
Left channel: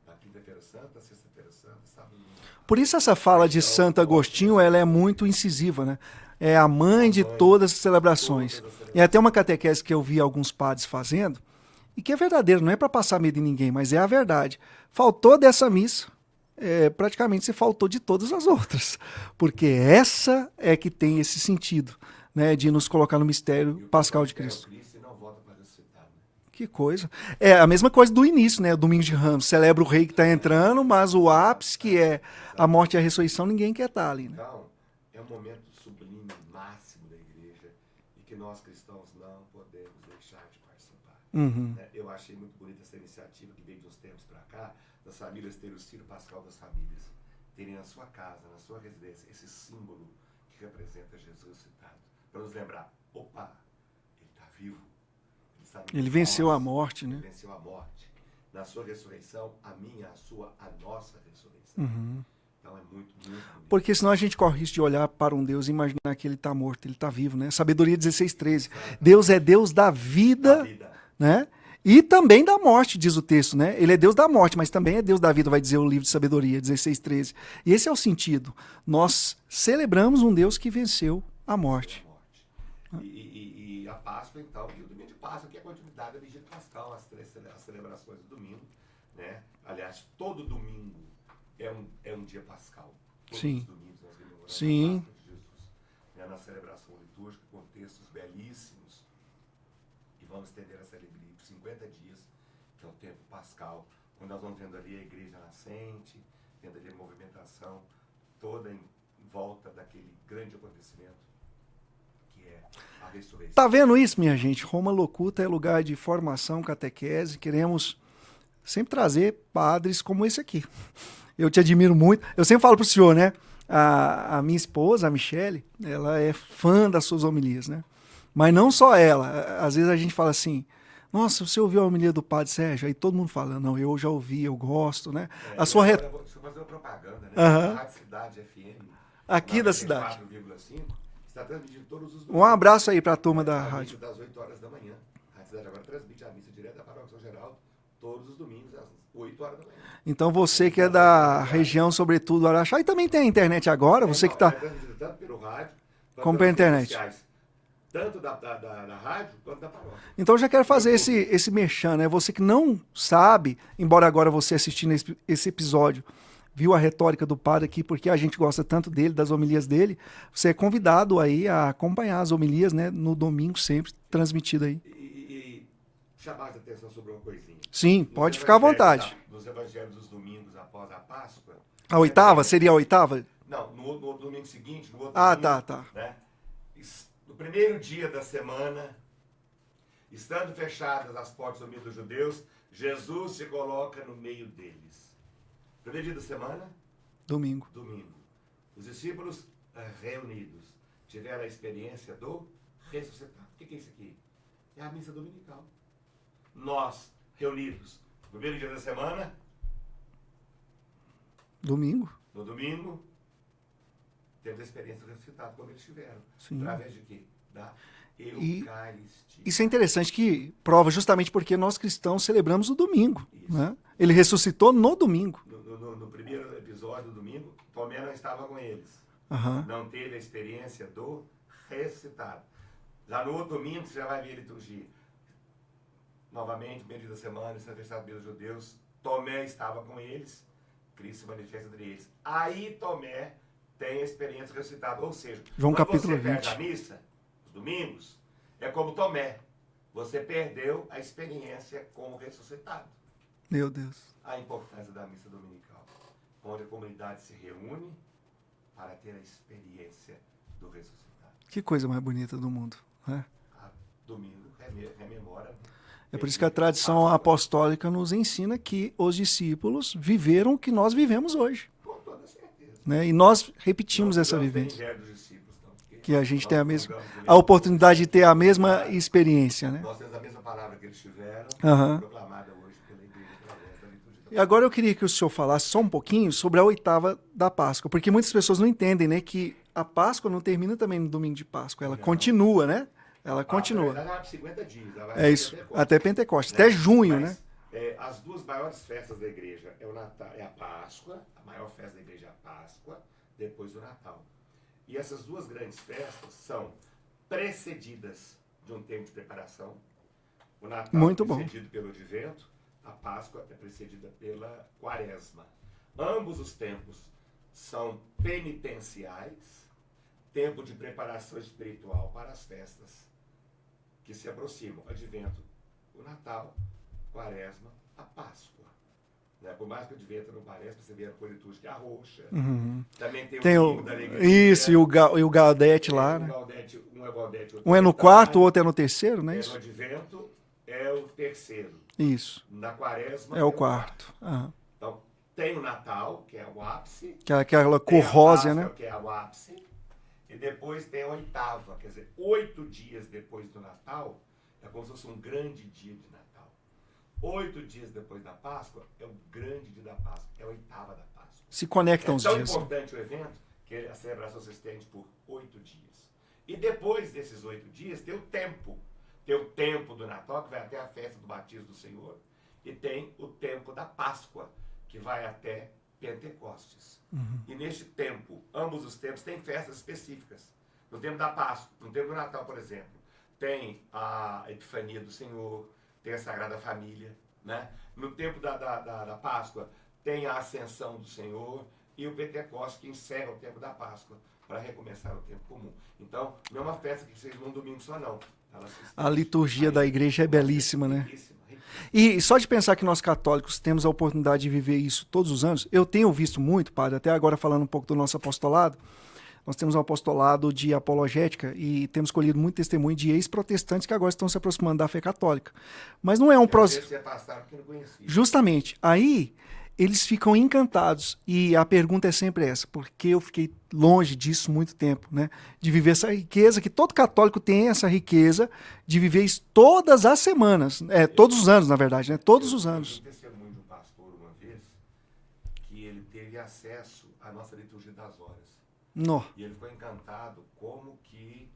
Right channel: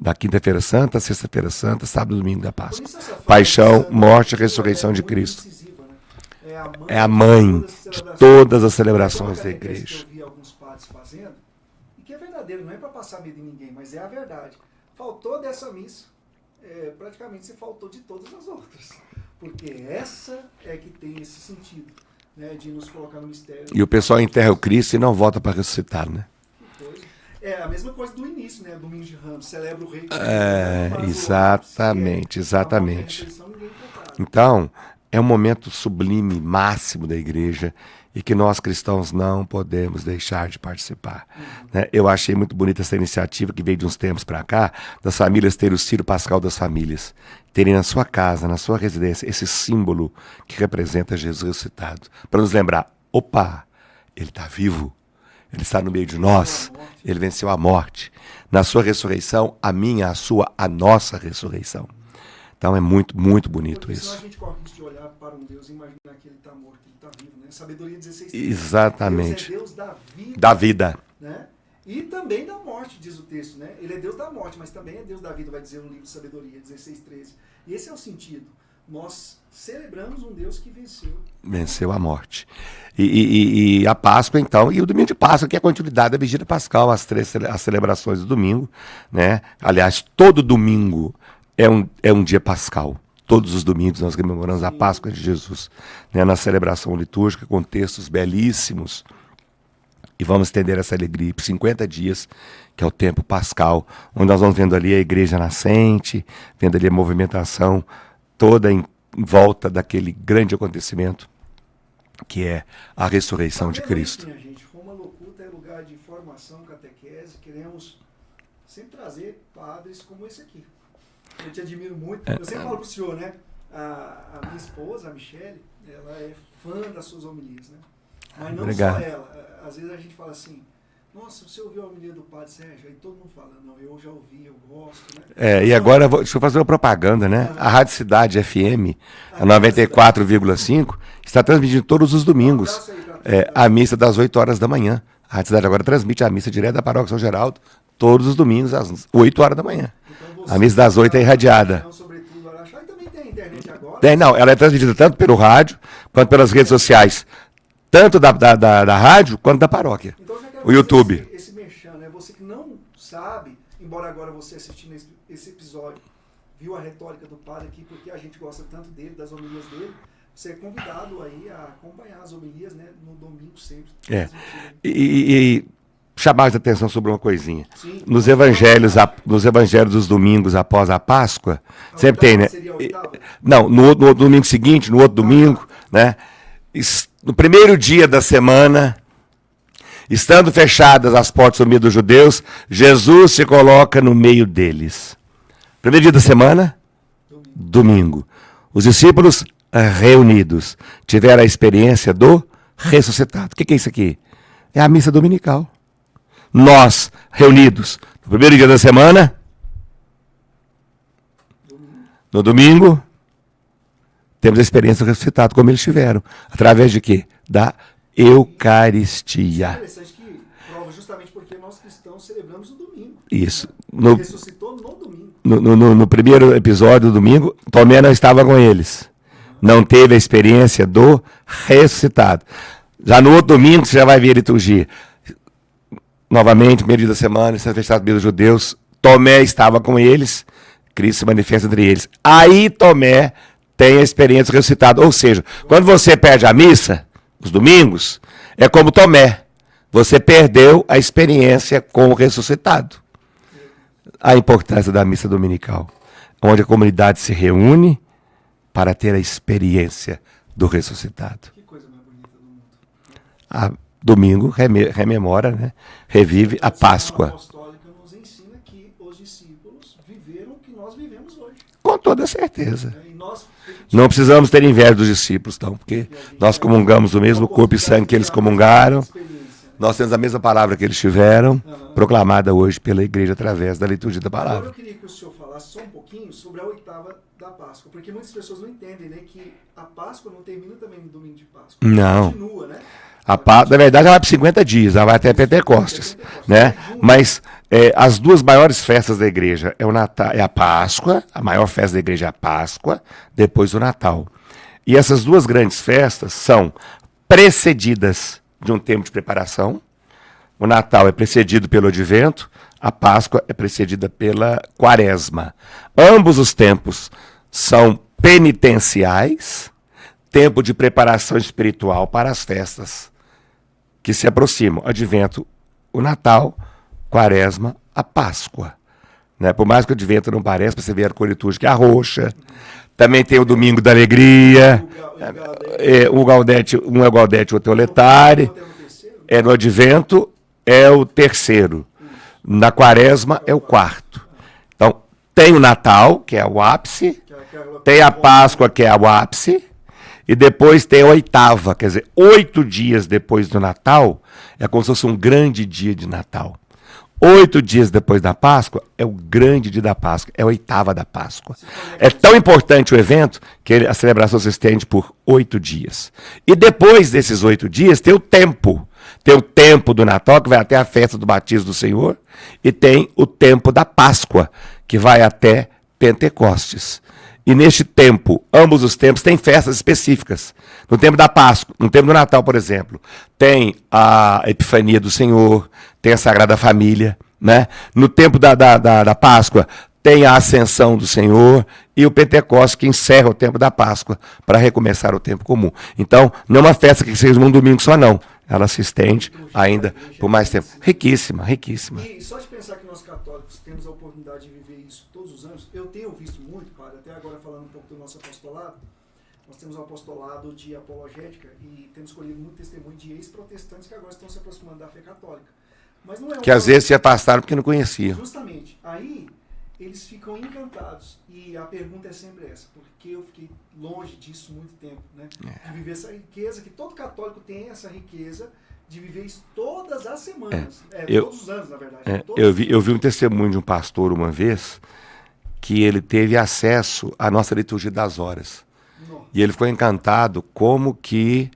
Da quinta-feira santa, sexta-feira santa, sábado e domingo da Páscoa. Por isso essa fala Paixão, de Santo morte e Agostinho, ressurreição ela de é muito Cristo. incisiva, né? É a mãe, É a mãe de todas as de celebrações. todas as Tem celebrações até uma da catequese igreja. que eu vi alguns padres fazendo, e que é verdadeiro, não é para passar medo em ninguém, mas é a verdade. Faltou dessa missa, praticamente você faltou de todas as outras. Porque essa é que tem esse sentido, né, de nos colocar no mistério. E o pessoal pascal de enterra o Cristo. Cristo e não volta para ressuscitar, né? Que coisa. É a mesma coisa do início, né? O Domingo de Ramos. Celebra o rei que está entrando, mas o ápice, que é a morte e a exatamente. ressurreição, ninguém quer estar ali. Então, é um momento sublime, máximo da igreja e que nós cristãos não podemos deixar de participar. Né? Eu achei muito bonita essa iniciativa que veio de uns tempos para cá, das famílias terem o Círio Pascal das famílias, terem na sua casa, na sua residência, esse símbolo que representa Jesus ressuscitado, para nos lembrar, opa, ele está vivo. Ele está no meio de nós. A morte. Ele venceu a morte. Na sua ressurreição, a minha, a sua, a nossa ressurreição. Então é muito, muito bonito. Porque isso. senão a gente corre risco de olhar para um Deus e imaginar que ele está morto, ele está vivo, né? Sabedoria 16:13. Exatamente. Deus é Deus da vida. Da vida. Né? E também da morte, diz o texto, né? Ele é Deus da morte, mas também é Deus da vida, vai dizer o livro de Sabedoria 16:13. E esse é o sentido. Nós celebramos um Deus que venceu a morte. Venceu a morte. E a Páscoa, então, e o domingo de Páscoa, que é a continuidade da vigília pascal, as celebrações do domingo, né? Aliás, todo domingo é um dia pascal. Todos os domingos nós comemoramos a Páscoa de Jesus, né? Na celebração litúrgica, com textos belíssimos. E vamos estender essa alegria por 50 dias, que é o tempo pascal, onde nós vamos vendo ali a igreja nascente, vendo ali a movimentação toda em volta daquele grande acontecimento, que é a ressurreição de Cristo. Tá vendo isso, minha gente? Roma Locuta é lugar de formação, catequese. Queremos sempre trazer padres como esse aqui. Eu te admiro muito. Eu sempre falo pro senhor, né? A minha esposa, a Michele, ela é fã das suas homilias, né? Mas não Obrigado. só ela. Às vezes a gente fala assim, nossa, você ouviu a homilia do Padre Sérgio? Aí todo mundo fala, não, eu já ouvi, eu gosto, né? E agora, deixa eu fazer uma propaganda, né? A Rádio Cidade FM, a 94,5, está transmitindo todos os domingos. Um abraço aí para todos. A missa das 8 horas da manhã. A Rádio Cidade agora transmite a missa direto da Paróquia São Geraldo, todos os domingos, às 8 horas da manhã. Então você a missa das 8 é irradiada. Região, sobretudo, Araxá, e também tem a internet agora. Ela é transmitida tanto pelo rádio, quanto pelas redes sociais. Tanto da rádio, quanto da paróquia. Então eu já quero o fazer YouTube. esse merchan, né? Você que não sabe, embora agora você assistindo esse episódio, viu a retórica do padre aqui, porque a gente gosta tanto dele, das homilias dele, você é convidado aí a acompanhar as homilias, né? No domingo sempre, transmitido aí. E chamar a atenção sobre uma coisinha. Sim, nos evangelhos dos domingos após a Páscoa, a sempre oitava, tem, né? seria a oitava? Não, no domingo seguinte, no outro domingo, né? No primeiro dia da semana, estando fechadas as portas do meio dos judeus, Jesus se coloca no meio deles. Primeiro dia da semana? Domingo. Os discípulos reunidos tiveram a experiência do ressuscitado. O que é isso aqui? É a missa dominical. Nós, reunidos no primeiro dia da semana, no domingo, temos a experiência do ressuscitado, como eles tiveram. Através de quê? Da Eucaristia. Isso é interessante, que prova justamente porque nós cristãos celebramos o domingo. Isso. Né? Ele ressuscitou no domingo. No primeiro episódio do domingo, Tomé não estava com eles. Não teve a experiência do ressuscitado. Já no outro domingo, você já vai ver a liturgia. Novamente, primeiro dia da semana, está fechado pelos judeus. Tomé estava com eles. Cristo se manifesta entre eles. Aí Tomé tem a experiência do ressuscitado. Ou seja, quando você perde a missa, os domingos, é como Tomé. Você perdeu a experiência com o ressuscitado. Meu Deus. A importância da missa dominical, onde a comunidade se reúne para ter a experiência do ressuscitado. Que coisa mais bonita do mundo. Né? Domingo rememora, né? Revive a Páscoa. A tradição apostólica nos ensina que os discípulos viveram o que nós vivemos hoje. Com toda certeza. Né? E nós repetimos. Não precisamos ter inveja dos discípulos, não, porque nós comungamos o mesmo corpo e sangue que eles comungaram. Experiência, né? Nós temos a mesma palavra que eles tiveram, proclamada hoje pela igreja através da liturgia da palavra. Agora eu queria que o senhor falasse só um pouquinho sobre a oitava da Páscoa, porque muitas pessoas não entendem, né, que a Páscoa não termina também no domingo de Páscoa. Ela continua, né? Na verdade, ela vai por 50 dias, ela vai até Pentecostes. Até Pentecostes, né? Até junho. Mas as duas maiores festas da igreja é o Natal, é a Páscoa, a maior festa da igreja é a Páscoa, depois o Natal. E essas duas grandes festas são precedidas de um tempo de preparação. O Natal é precedido pelo Advento, a Páscoa é precedida pela Quaresma. Ambos os tempos são penitenciais, tempo de preparação espiritual para as festas que se aproximam. Advento, o Natal, Quaresma, a Páscoa. Né? Por mais que o Advento não pareça, você vê a cor litúrgica é a roxa. Também tem o Domingo da Alegria. E o Gaudete. O Gaudete, um é o Gaudete, outro é o Um é no quarto, Letare. o outro é no terceiro, né? É no Advento, é o terceiro. Isso. Na Quaresma é o quarto. Ah. Então, tem o Natal, que é o ápice. Tem a Páscoa, né? que é o ápice. E depois tem a oitava, quer dizer, 8 dias depois do Natal, é como se fosse um grande dia de Natal. 8 dias depois da Páscoa é o grande dia da Páscoa, é a oitava da Páscoa. Se conectam É tão importante o evento que a celebração se estende por 8 dias. E depois desses 8 dias tem o tempo. Tem o tempo do Natal, que vai até a festa do batismo do Senhor, e tem o tempo da Páscoa, que vai até Pentecostes. E neste tempo, ambos os tempos, tem festas específicas. No tempo da Páscoa, no tempo do Natal, por exemplo, tem a Epifania do Senhor, tem a Sagrada Família, né? No tempo da Páscoa, tem a Ascensão do Senhor e o Pentecostes, que encerra o tempo da Páscoa para recomeçar o tempo comum. Então, não é uma festa que seja um domingo só, não. Ela se estende ainda por mais tempo. Né? Riquíssima, riquíssima. E só de pensar que nós católicos temos a oportunidade de viver isso todos os anos, eu tenho visto muito, padre, até agora falando um pouco do nosso apostolado, nós temos um apostolado de apologética e temos colhido muito testemunho de ex-protestantes que agora estão se aproximando da fé católica. Mas não é um que às vezes se afastaram porque não conheciam. Justamente. Aí eles ficam encantados. E a pergunta é sempre essa, porque eu fiquei longe disso muito tempo, né? De viver essa riqueza, que todo católico tem essa riqueza de viver isso todas as semanas. Todos os anos, na verdade. Eu vi um testemunho de um pastor uma vez que ele teve acesso à nossa liturgia das horas. No. E ele ficou encantado como que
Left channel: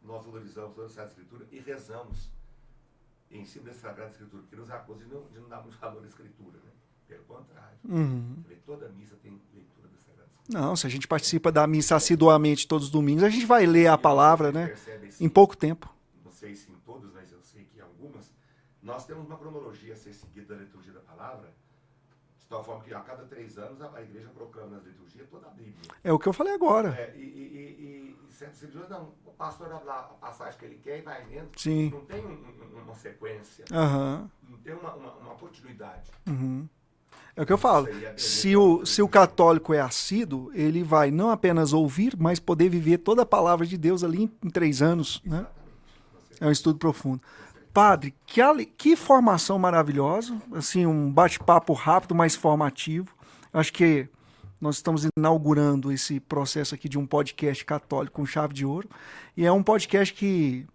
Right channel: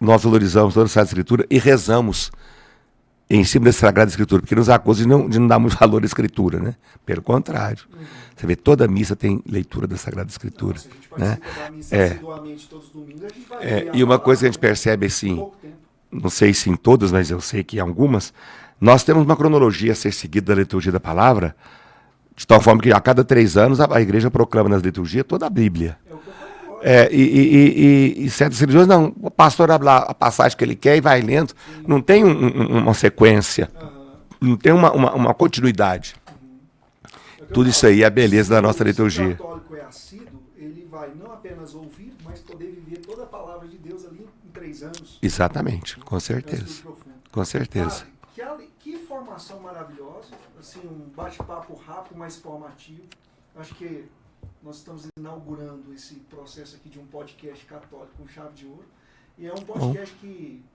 nós valorizamos toda a Sagrada Escritura e rezamos em cima da Sagrada Escritura, porque nos acusa de não dar muito valor à Escritura, né? Pelo contrário. Você vê, toda missa tem leitura da Sagrada Escritura. Não, se a gente participa da missa assiduamente todos os domingos, a gente vai ler a palavra, e uma coisa que a gente percebe assim, em pouco tempo. Não sei se em todas, mas eu sei que em algumas, nós temos uma cronologia a ser seguida da liturgia da palavra, de tal forma que a cada 3 anos a igreja proclama nas liturgias toda a Bíblia. É o que eu falei agora. E certas religiões, não, o pastor abre lá a passagem que ele quer e vai lendo. Sim. Não tem uma sequência, não tem uma continuidade. É o que eu Tudo falo. isso aí é a beleza da nossa liturgia. Se o católico é assíduo, ele vai não apenas ouvir, mas poder viver toda a palavra de Deus ali em 3 anos. Exatamente, né? com certeza. É um estudo profundo. Com certeza. Padre, que formação maravilhosa, assim, um bate-papo rápido, mas formativo. Acho que nós estamos inaugurando esse processo aqui de um podcast católico com chave de ouro. E é um podcast que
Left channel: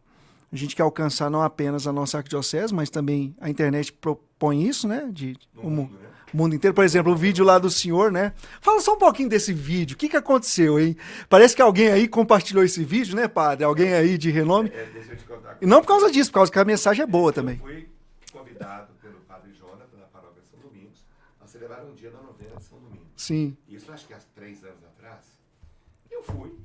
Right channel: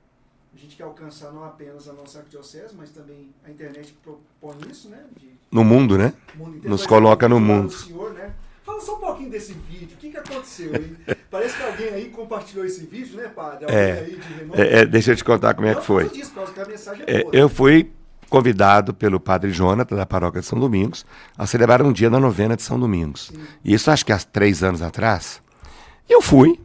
a gente quer alcançar não apenas a nossa arquidiocese, mas também a internet propõe isso, né? No mundo, né? O mundo inteiro. Nos Por exemplo, o coloca vídeo no lá mundo. do senhor, né? Fala só um pouquinho desse vídeo. O que aconteceu, hein? Parece que alguém aí compartilhou esse vídeo, né, padre? Alguém aí de renome. Deixa eu te contar como Não é que por causa foi. disso, por causa que a mensagem é boa. Eu também. fui convidado pelo padre Jonathan, da paróquia de São Domingos, a celebrar um dia da novena de São Domingos. Sim. E isso acho que há 3 anos atrás. Eu fui.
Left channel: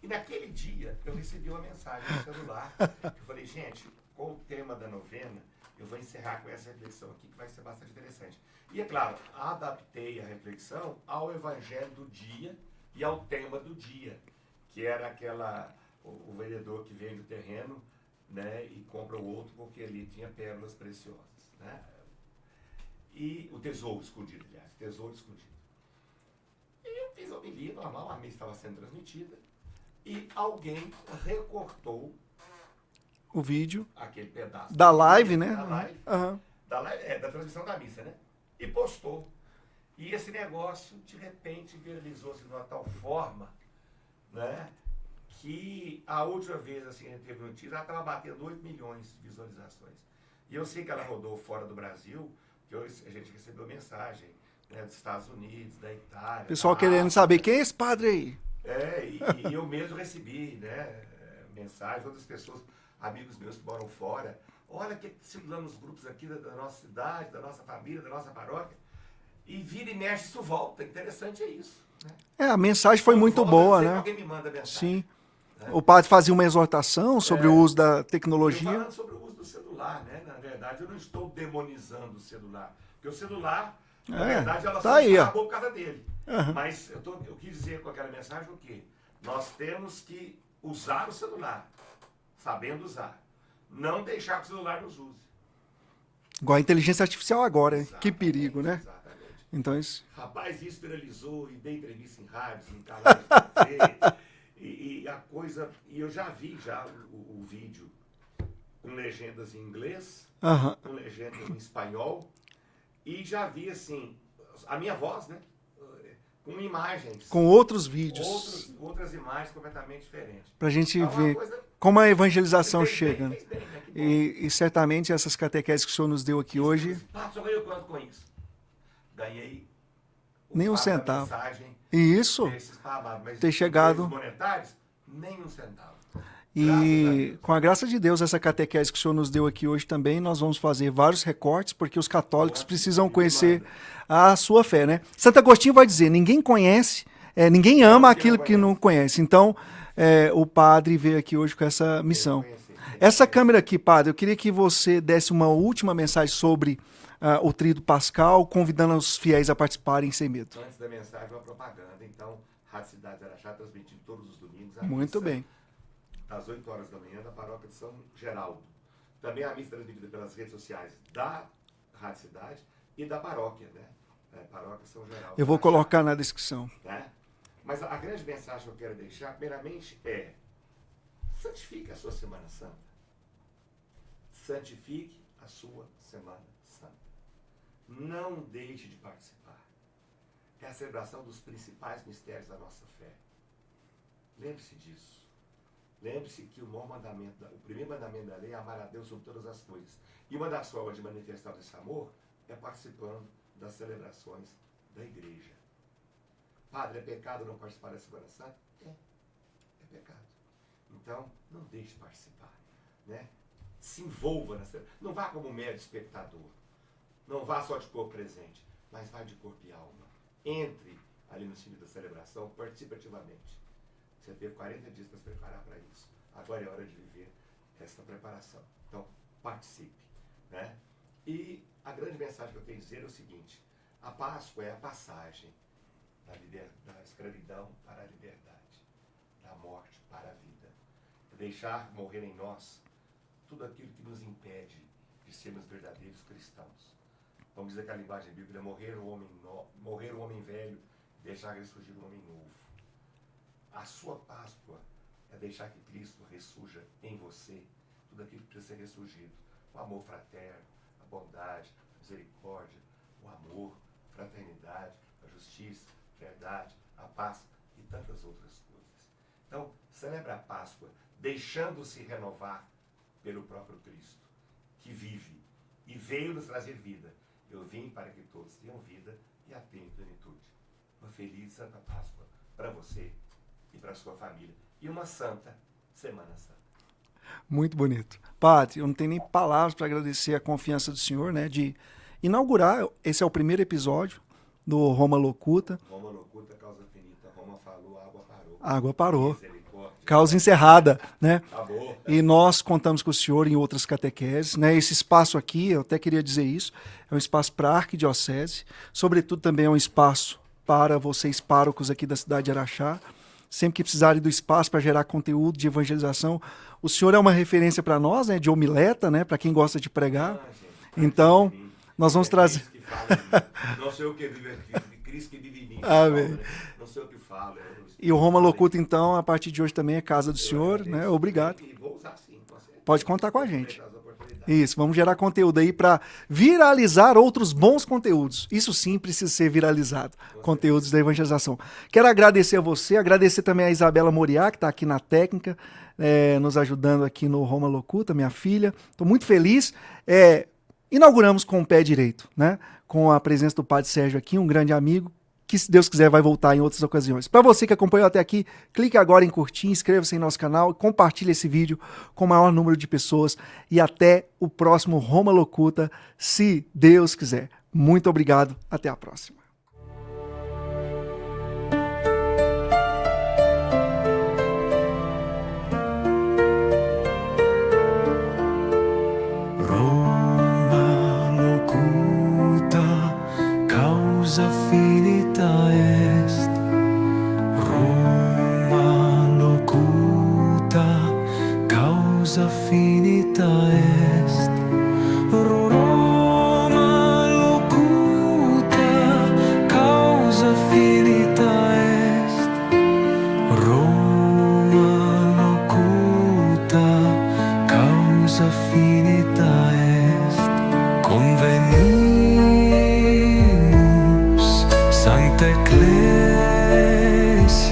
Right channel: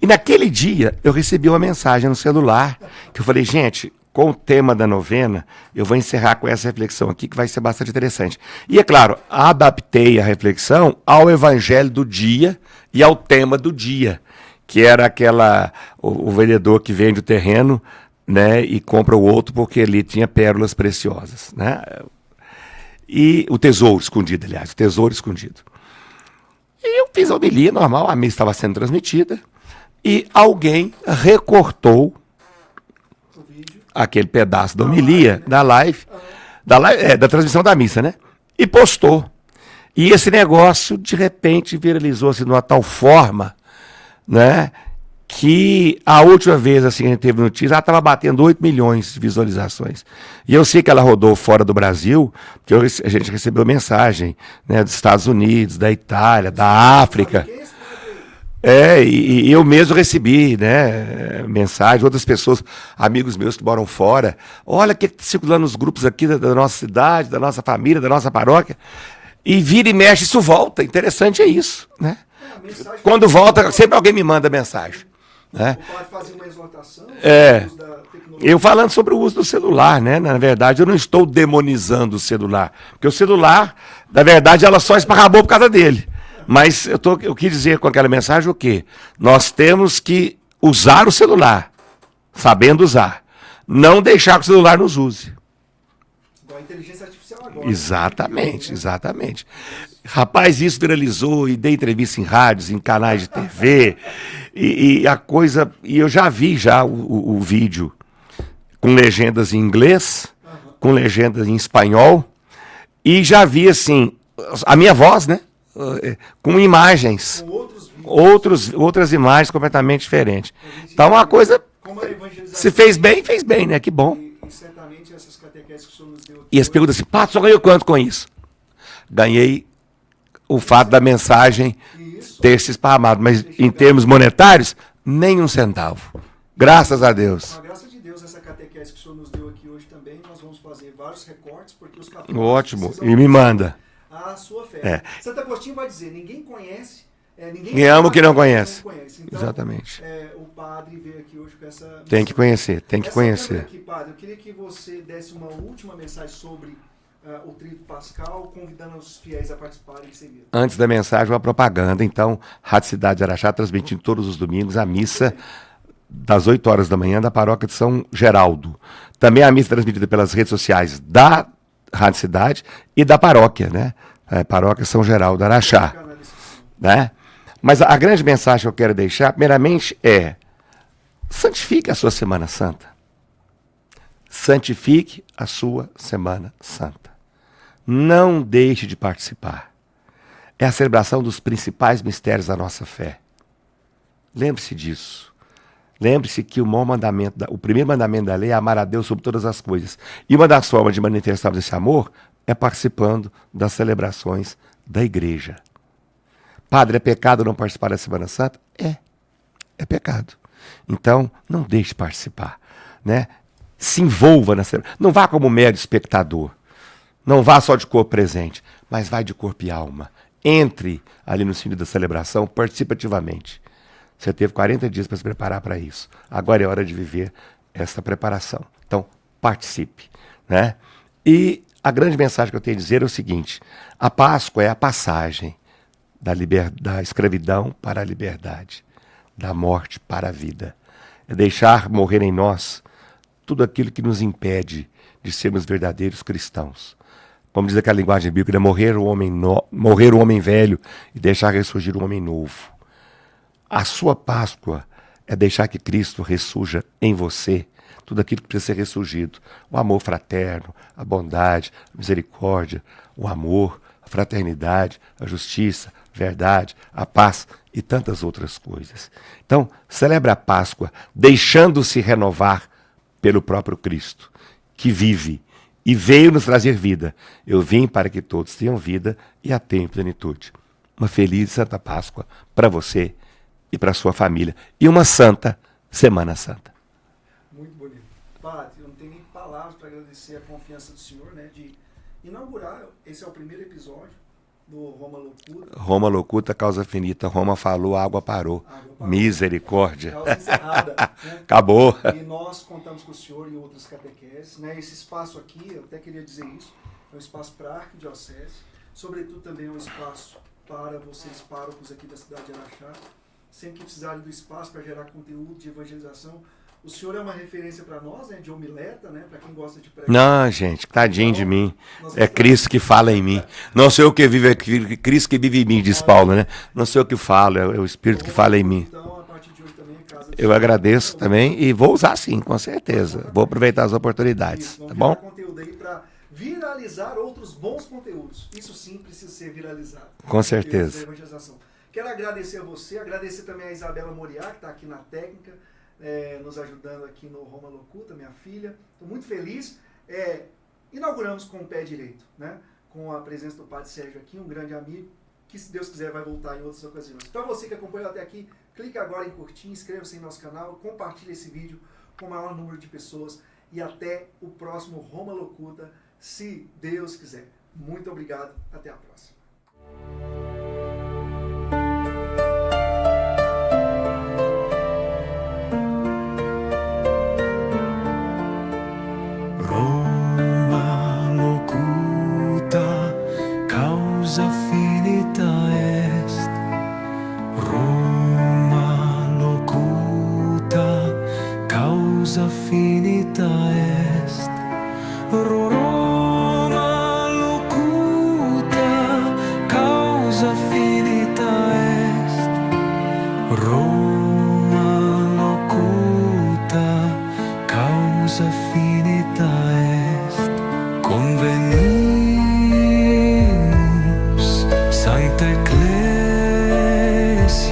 E naquele dia eu recebi uma mensagem no celular que eu falei, gente, com o tema da novena, eu vou encerrar com essa reflexão aqui que vai ser bastante interessante. E é claro, adaptei a reflexão ao evangelho do dia e ao tema do dia, que era o vendedor que vende o terreno, né, e compra o outro porque ali tinha pérolas preciosas, né? E o tesouro escondido, aliás, o tesouro escondido. E eu fiz a homilia normal, a missa estava sendo transmitida. E alguém recortou O vídeo. aquele pedaço da Da homilia, live, né? da live, da transmissão da missa, né? E postou. E esse negócio, de repente, viralizou-se de uma tal forma, né? Que a última vez assim, que a gente teve notícia, ela estava batendo 8 milhões de visualizações. E eu sei que ela rodou fora do Brasil, porque a gente recebeu mensagem, né, dos Estados Unidos, da Itália, da África. Saber quem é esse padre aí? E eu mesmo recebi, né, mensagem, outras pessoas, amigos meus que moram fora. Olha o que está circulando nos grupos aqui da nossa cidade, da nossa família, da nossa paróquia. E vira e mexe, isso volta. Interessante é isso, né? A mensagem foi Quando muito volta, boa, sempre né? alguém me manda mensagem. Sim. né? O padre fazia uma exortação sobre o uso da tecnologia. Eu falando sobre o uso do celular, né? Na verdade, eu não estou demonizando o celular. Porque o celular, na verdade, ela só esparramou por causa dele. Mas eu quis dizer com aquela mensagem o quê? Nós temos que usar o celular, sabendo usar. Não deixar que o celular nos use. Igual a inteligência artificial agora. Exatamente, que perigo, né? exatamente. Então, Rapaz, isso viralizou e dei entrevista em rádios, em canais de TV. e a coisa. E eu já vi o vídeo com legendas em inglês, com legendas em espanhol. E já vi, assim, a minha voz, né? Com imagens. Com outros vídeos. Outras imagens completamente diferentes. Pra gente Então, uma ver coisa. como a evangelização. Se fez chega. bem, fez bem, né? Que bom. E certamente essas catequeses que o senhor nos deu aqui. E eles perguntam assim: Pato, só ganhou quanto com isso? Ganhei o fato da mensagem ter se esparramado, mas em termos monetários, nem um centavo. Graças a Deus. Com a graça de Deus, essa catequese que o senhor nos deu aqui hoje também, nós vamos fazer vários recortes, porque os católicos precisam e me conhecer manda a sua fé. Né? Santo Agostinho vai dizer, ninguém conhece, ninguém ama ama aquilo que não conhece. Então, exatamente. O padre veio aqui hoje com essa missão. Tem que conhecer, tem que essa conhecer. câmera aqui, padre, eu queria que você desse uma última mensagem sobre o Tríduo Pascal, convidando os fiéis a participarem sem medo. Antes da mensagem, uma propaganda. Então, Rádio Cidade de Araxá transmitindo todos os domingos a missa das 8 horas da manhã da paróquia de São Geraldo. Também a missa transmitida pelas redes sociais da Rádio Cidade e da paróquia, né? Paróquia São Geraldo, Araxá. Vou colocar na descrição. Né? Mas a grande mensagem que eu quero deixar, primeiramente, santifique a sua Semana Santa. Santifique a sua Semana Santa. Não deixe de participar. É a celebração dos principais mistérios da nossa fé. Lembre-se disso. Lembre-se que o primeiro mandamento da lei é amar a Deus sobre todas as coisas. E uma das formas de manifestarmos esse amor é participando das celebrações da igreja. Padre, é pecado não participar da Semana Santa? É pecado. Então, não deixe de participar, né? Se envolva na celebração. Não vá como mero espectador. Não vá só de corpo presente, mas vai de corpo e alma. Entre ali no sentido da celebração participativamente. Você teve 40 dias para se preparar para isso. Agora é hora de viver essa preparação. Então, participe, né? E a grande mensagem que eu tenho a dizer é o seguinte: a Páscoa é a passagem da escravidão para a liberdade, da morte para a vida. É deixar morrer em nós tudo aquilo que nos impede de sermos verdadeiros cristãos. Como diz aquela linguagem bíblica, morrer o homem velho e deixar ressurgir o homem novo. A sua Páscoa é deixar que Cristo ressurja em você tudo aquilo que precisa ser ressurgido. O amor fraterno, a bondade, a misericórdia, o amor, a fraternidade, a justiça, a verdade, a paz e tantas outras coisas. Então, celebre a Páscoa deixando-se renovar pelo próprio Cristo, que vive e veio nos trazer vida. Eu vim para que todos tenham vida e a tenham em plenitude. Uma feliz Santa Páscoa para você e para a sua família. E uma santa Semana Santa. Muito bonito. Padre, eu não tenho nem palavras para agradecer a confiança do senhor, né, de inaugurar. Esse é o primeiro episódio do Roma Locuta. Roma Locuta, causa finita. Roma falou, água parou. Água parou. Misericórdia. Causa encerrada, né? Acabou. E nós contamos com o senhor em outras catequeses, né? Esse espaço aqui, eu até queria dizer isso, é um espaço para a arquidiocese, sobretudo também é um espaço para vocês párocos aqui da cidade de Araxá. Sempre que precisarem do espaço para gerar conteúdo de evangelização, o senhor é uma referência para nós, né, de homileta, né, para quem gosta de pregar. Não, gente, tadinho então, de mim. Nós vamos Cristo que fala em mim. Não sou eu que vivo, é Cristo que vive em mim, diz Paulo, né? Não sou eu que falo, é o Espírito que fala em mim. Então, a partir de hoje também é casa do senhor. Eu agradeço, né, também e vou usar sim, com certeza. Vou aproveitar as oportunidades. Isso, vamos gerar conteúdo aí para viralizar outros bons conteúdos. Isso sim precisa ser viralizado. Com conteúdos certeza. Da evangelização. Quero agradecer a você, agradecer também a Isabela Moriá, que está aqui na técnica, nos ajudando aqui no Roma Locuta, minha filha. Estou muito feliz. Inauguramos com o pé direito, né? Com a presença do Padre Sérgio aqui, um grande amigo, que se Deus quiser vai voltar em outras ocasiões. Para você que acompanhou até aqui, clique agora em curtir, inscreva-se em nosso canal, compartilhe esse vídeo com o maior número de pessoas e até o próximo Roma Locuta, se Deus quiser. Muito obrigado, até a próxima. causa finita est. Roma locuta, causa finita est. Roma locuta, causa finita est. Convenimus, Sancta Ecclesia,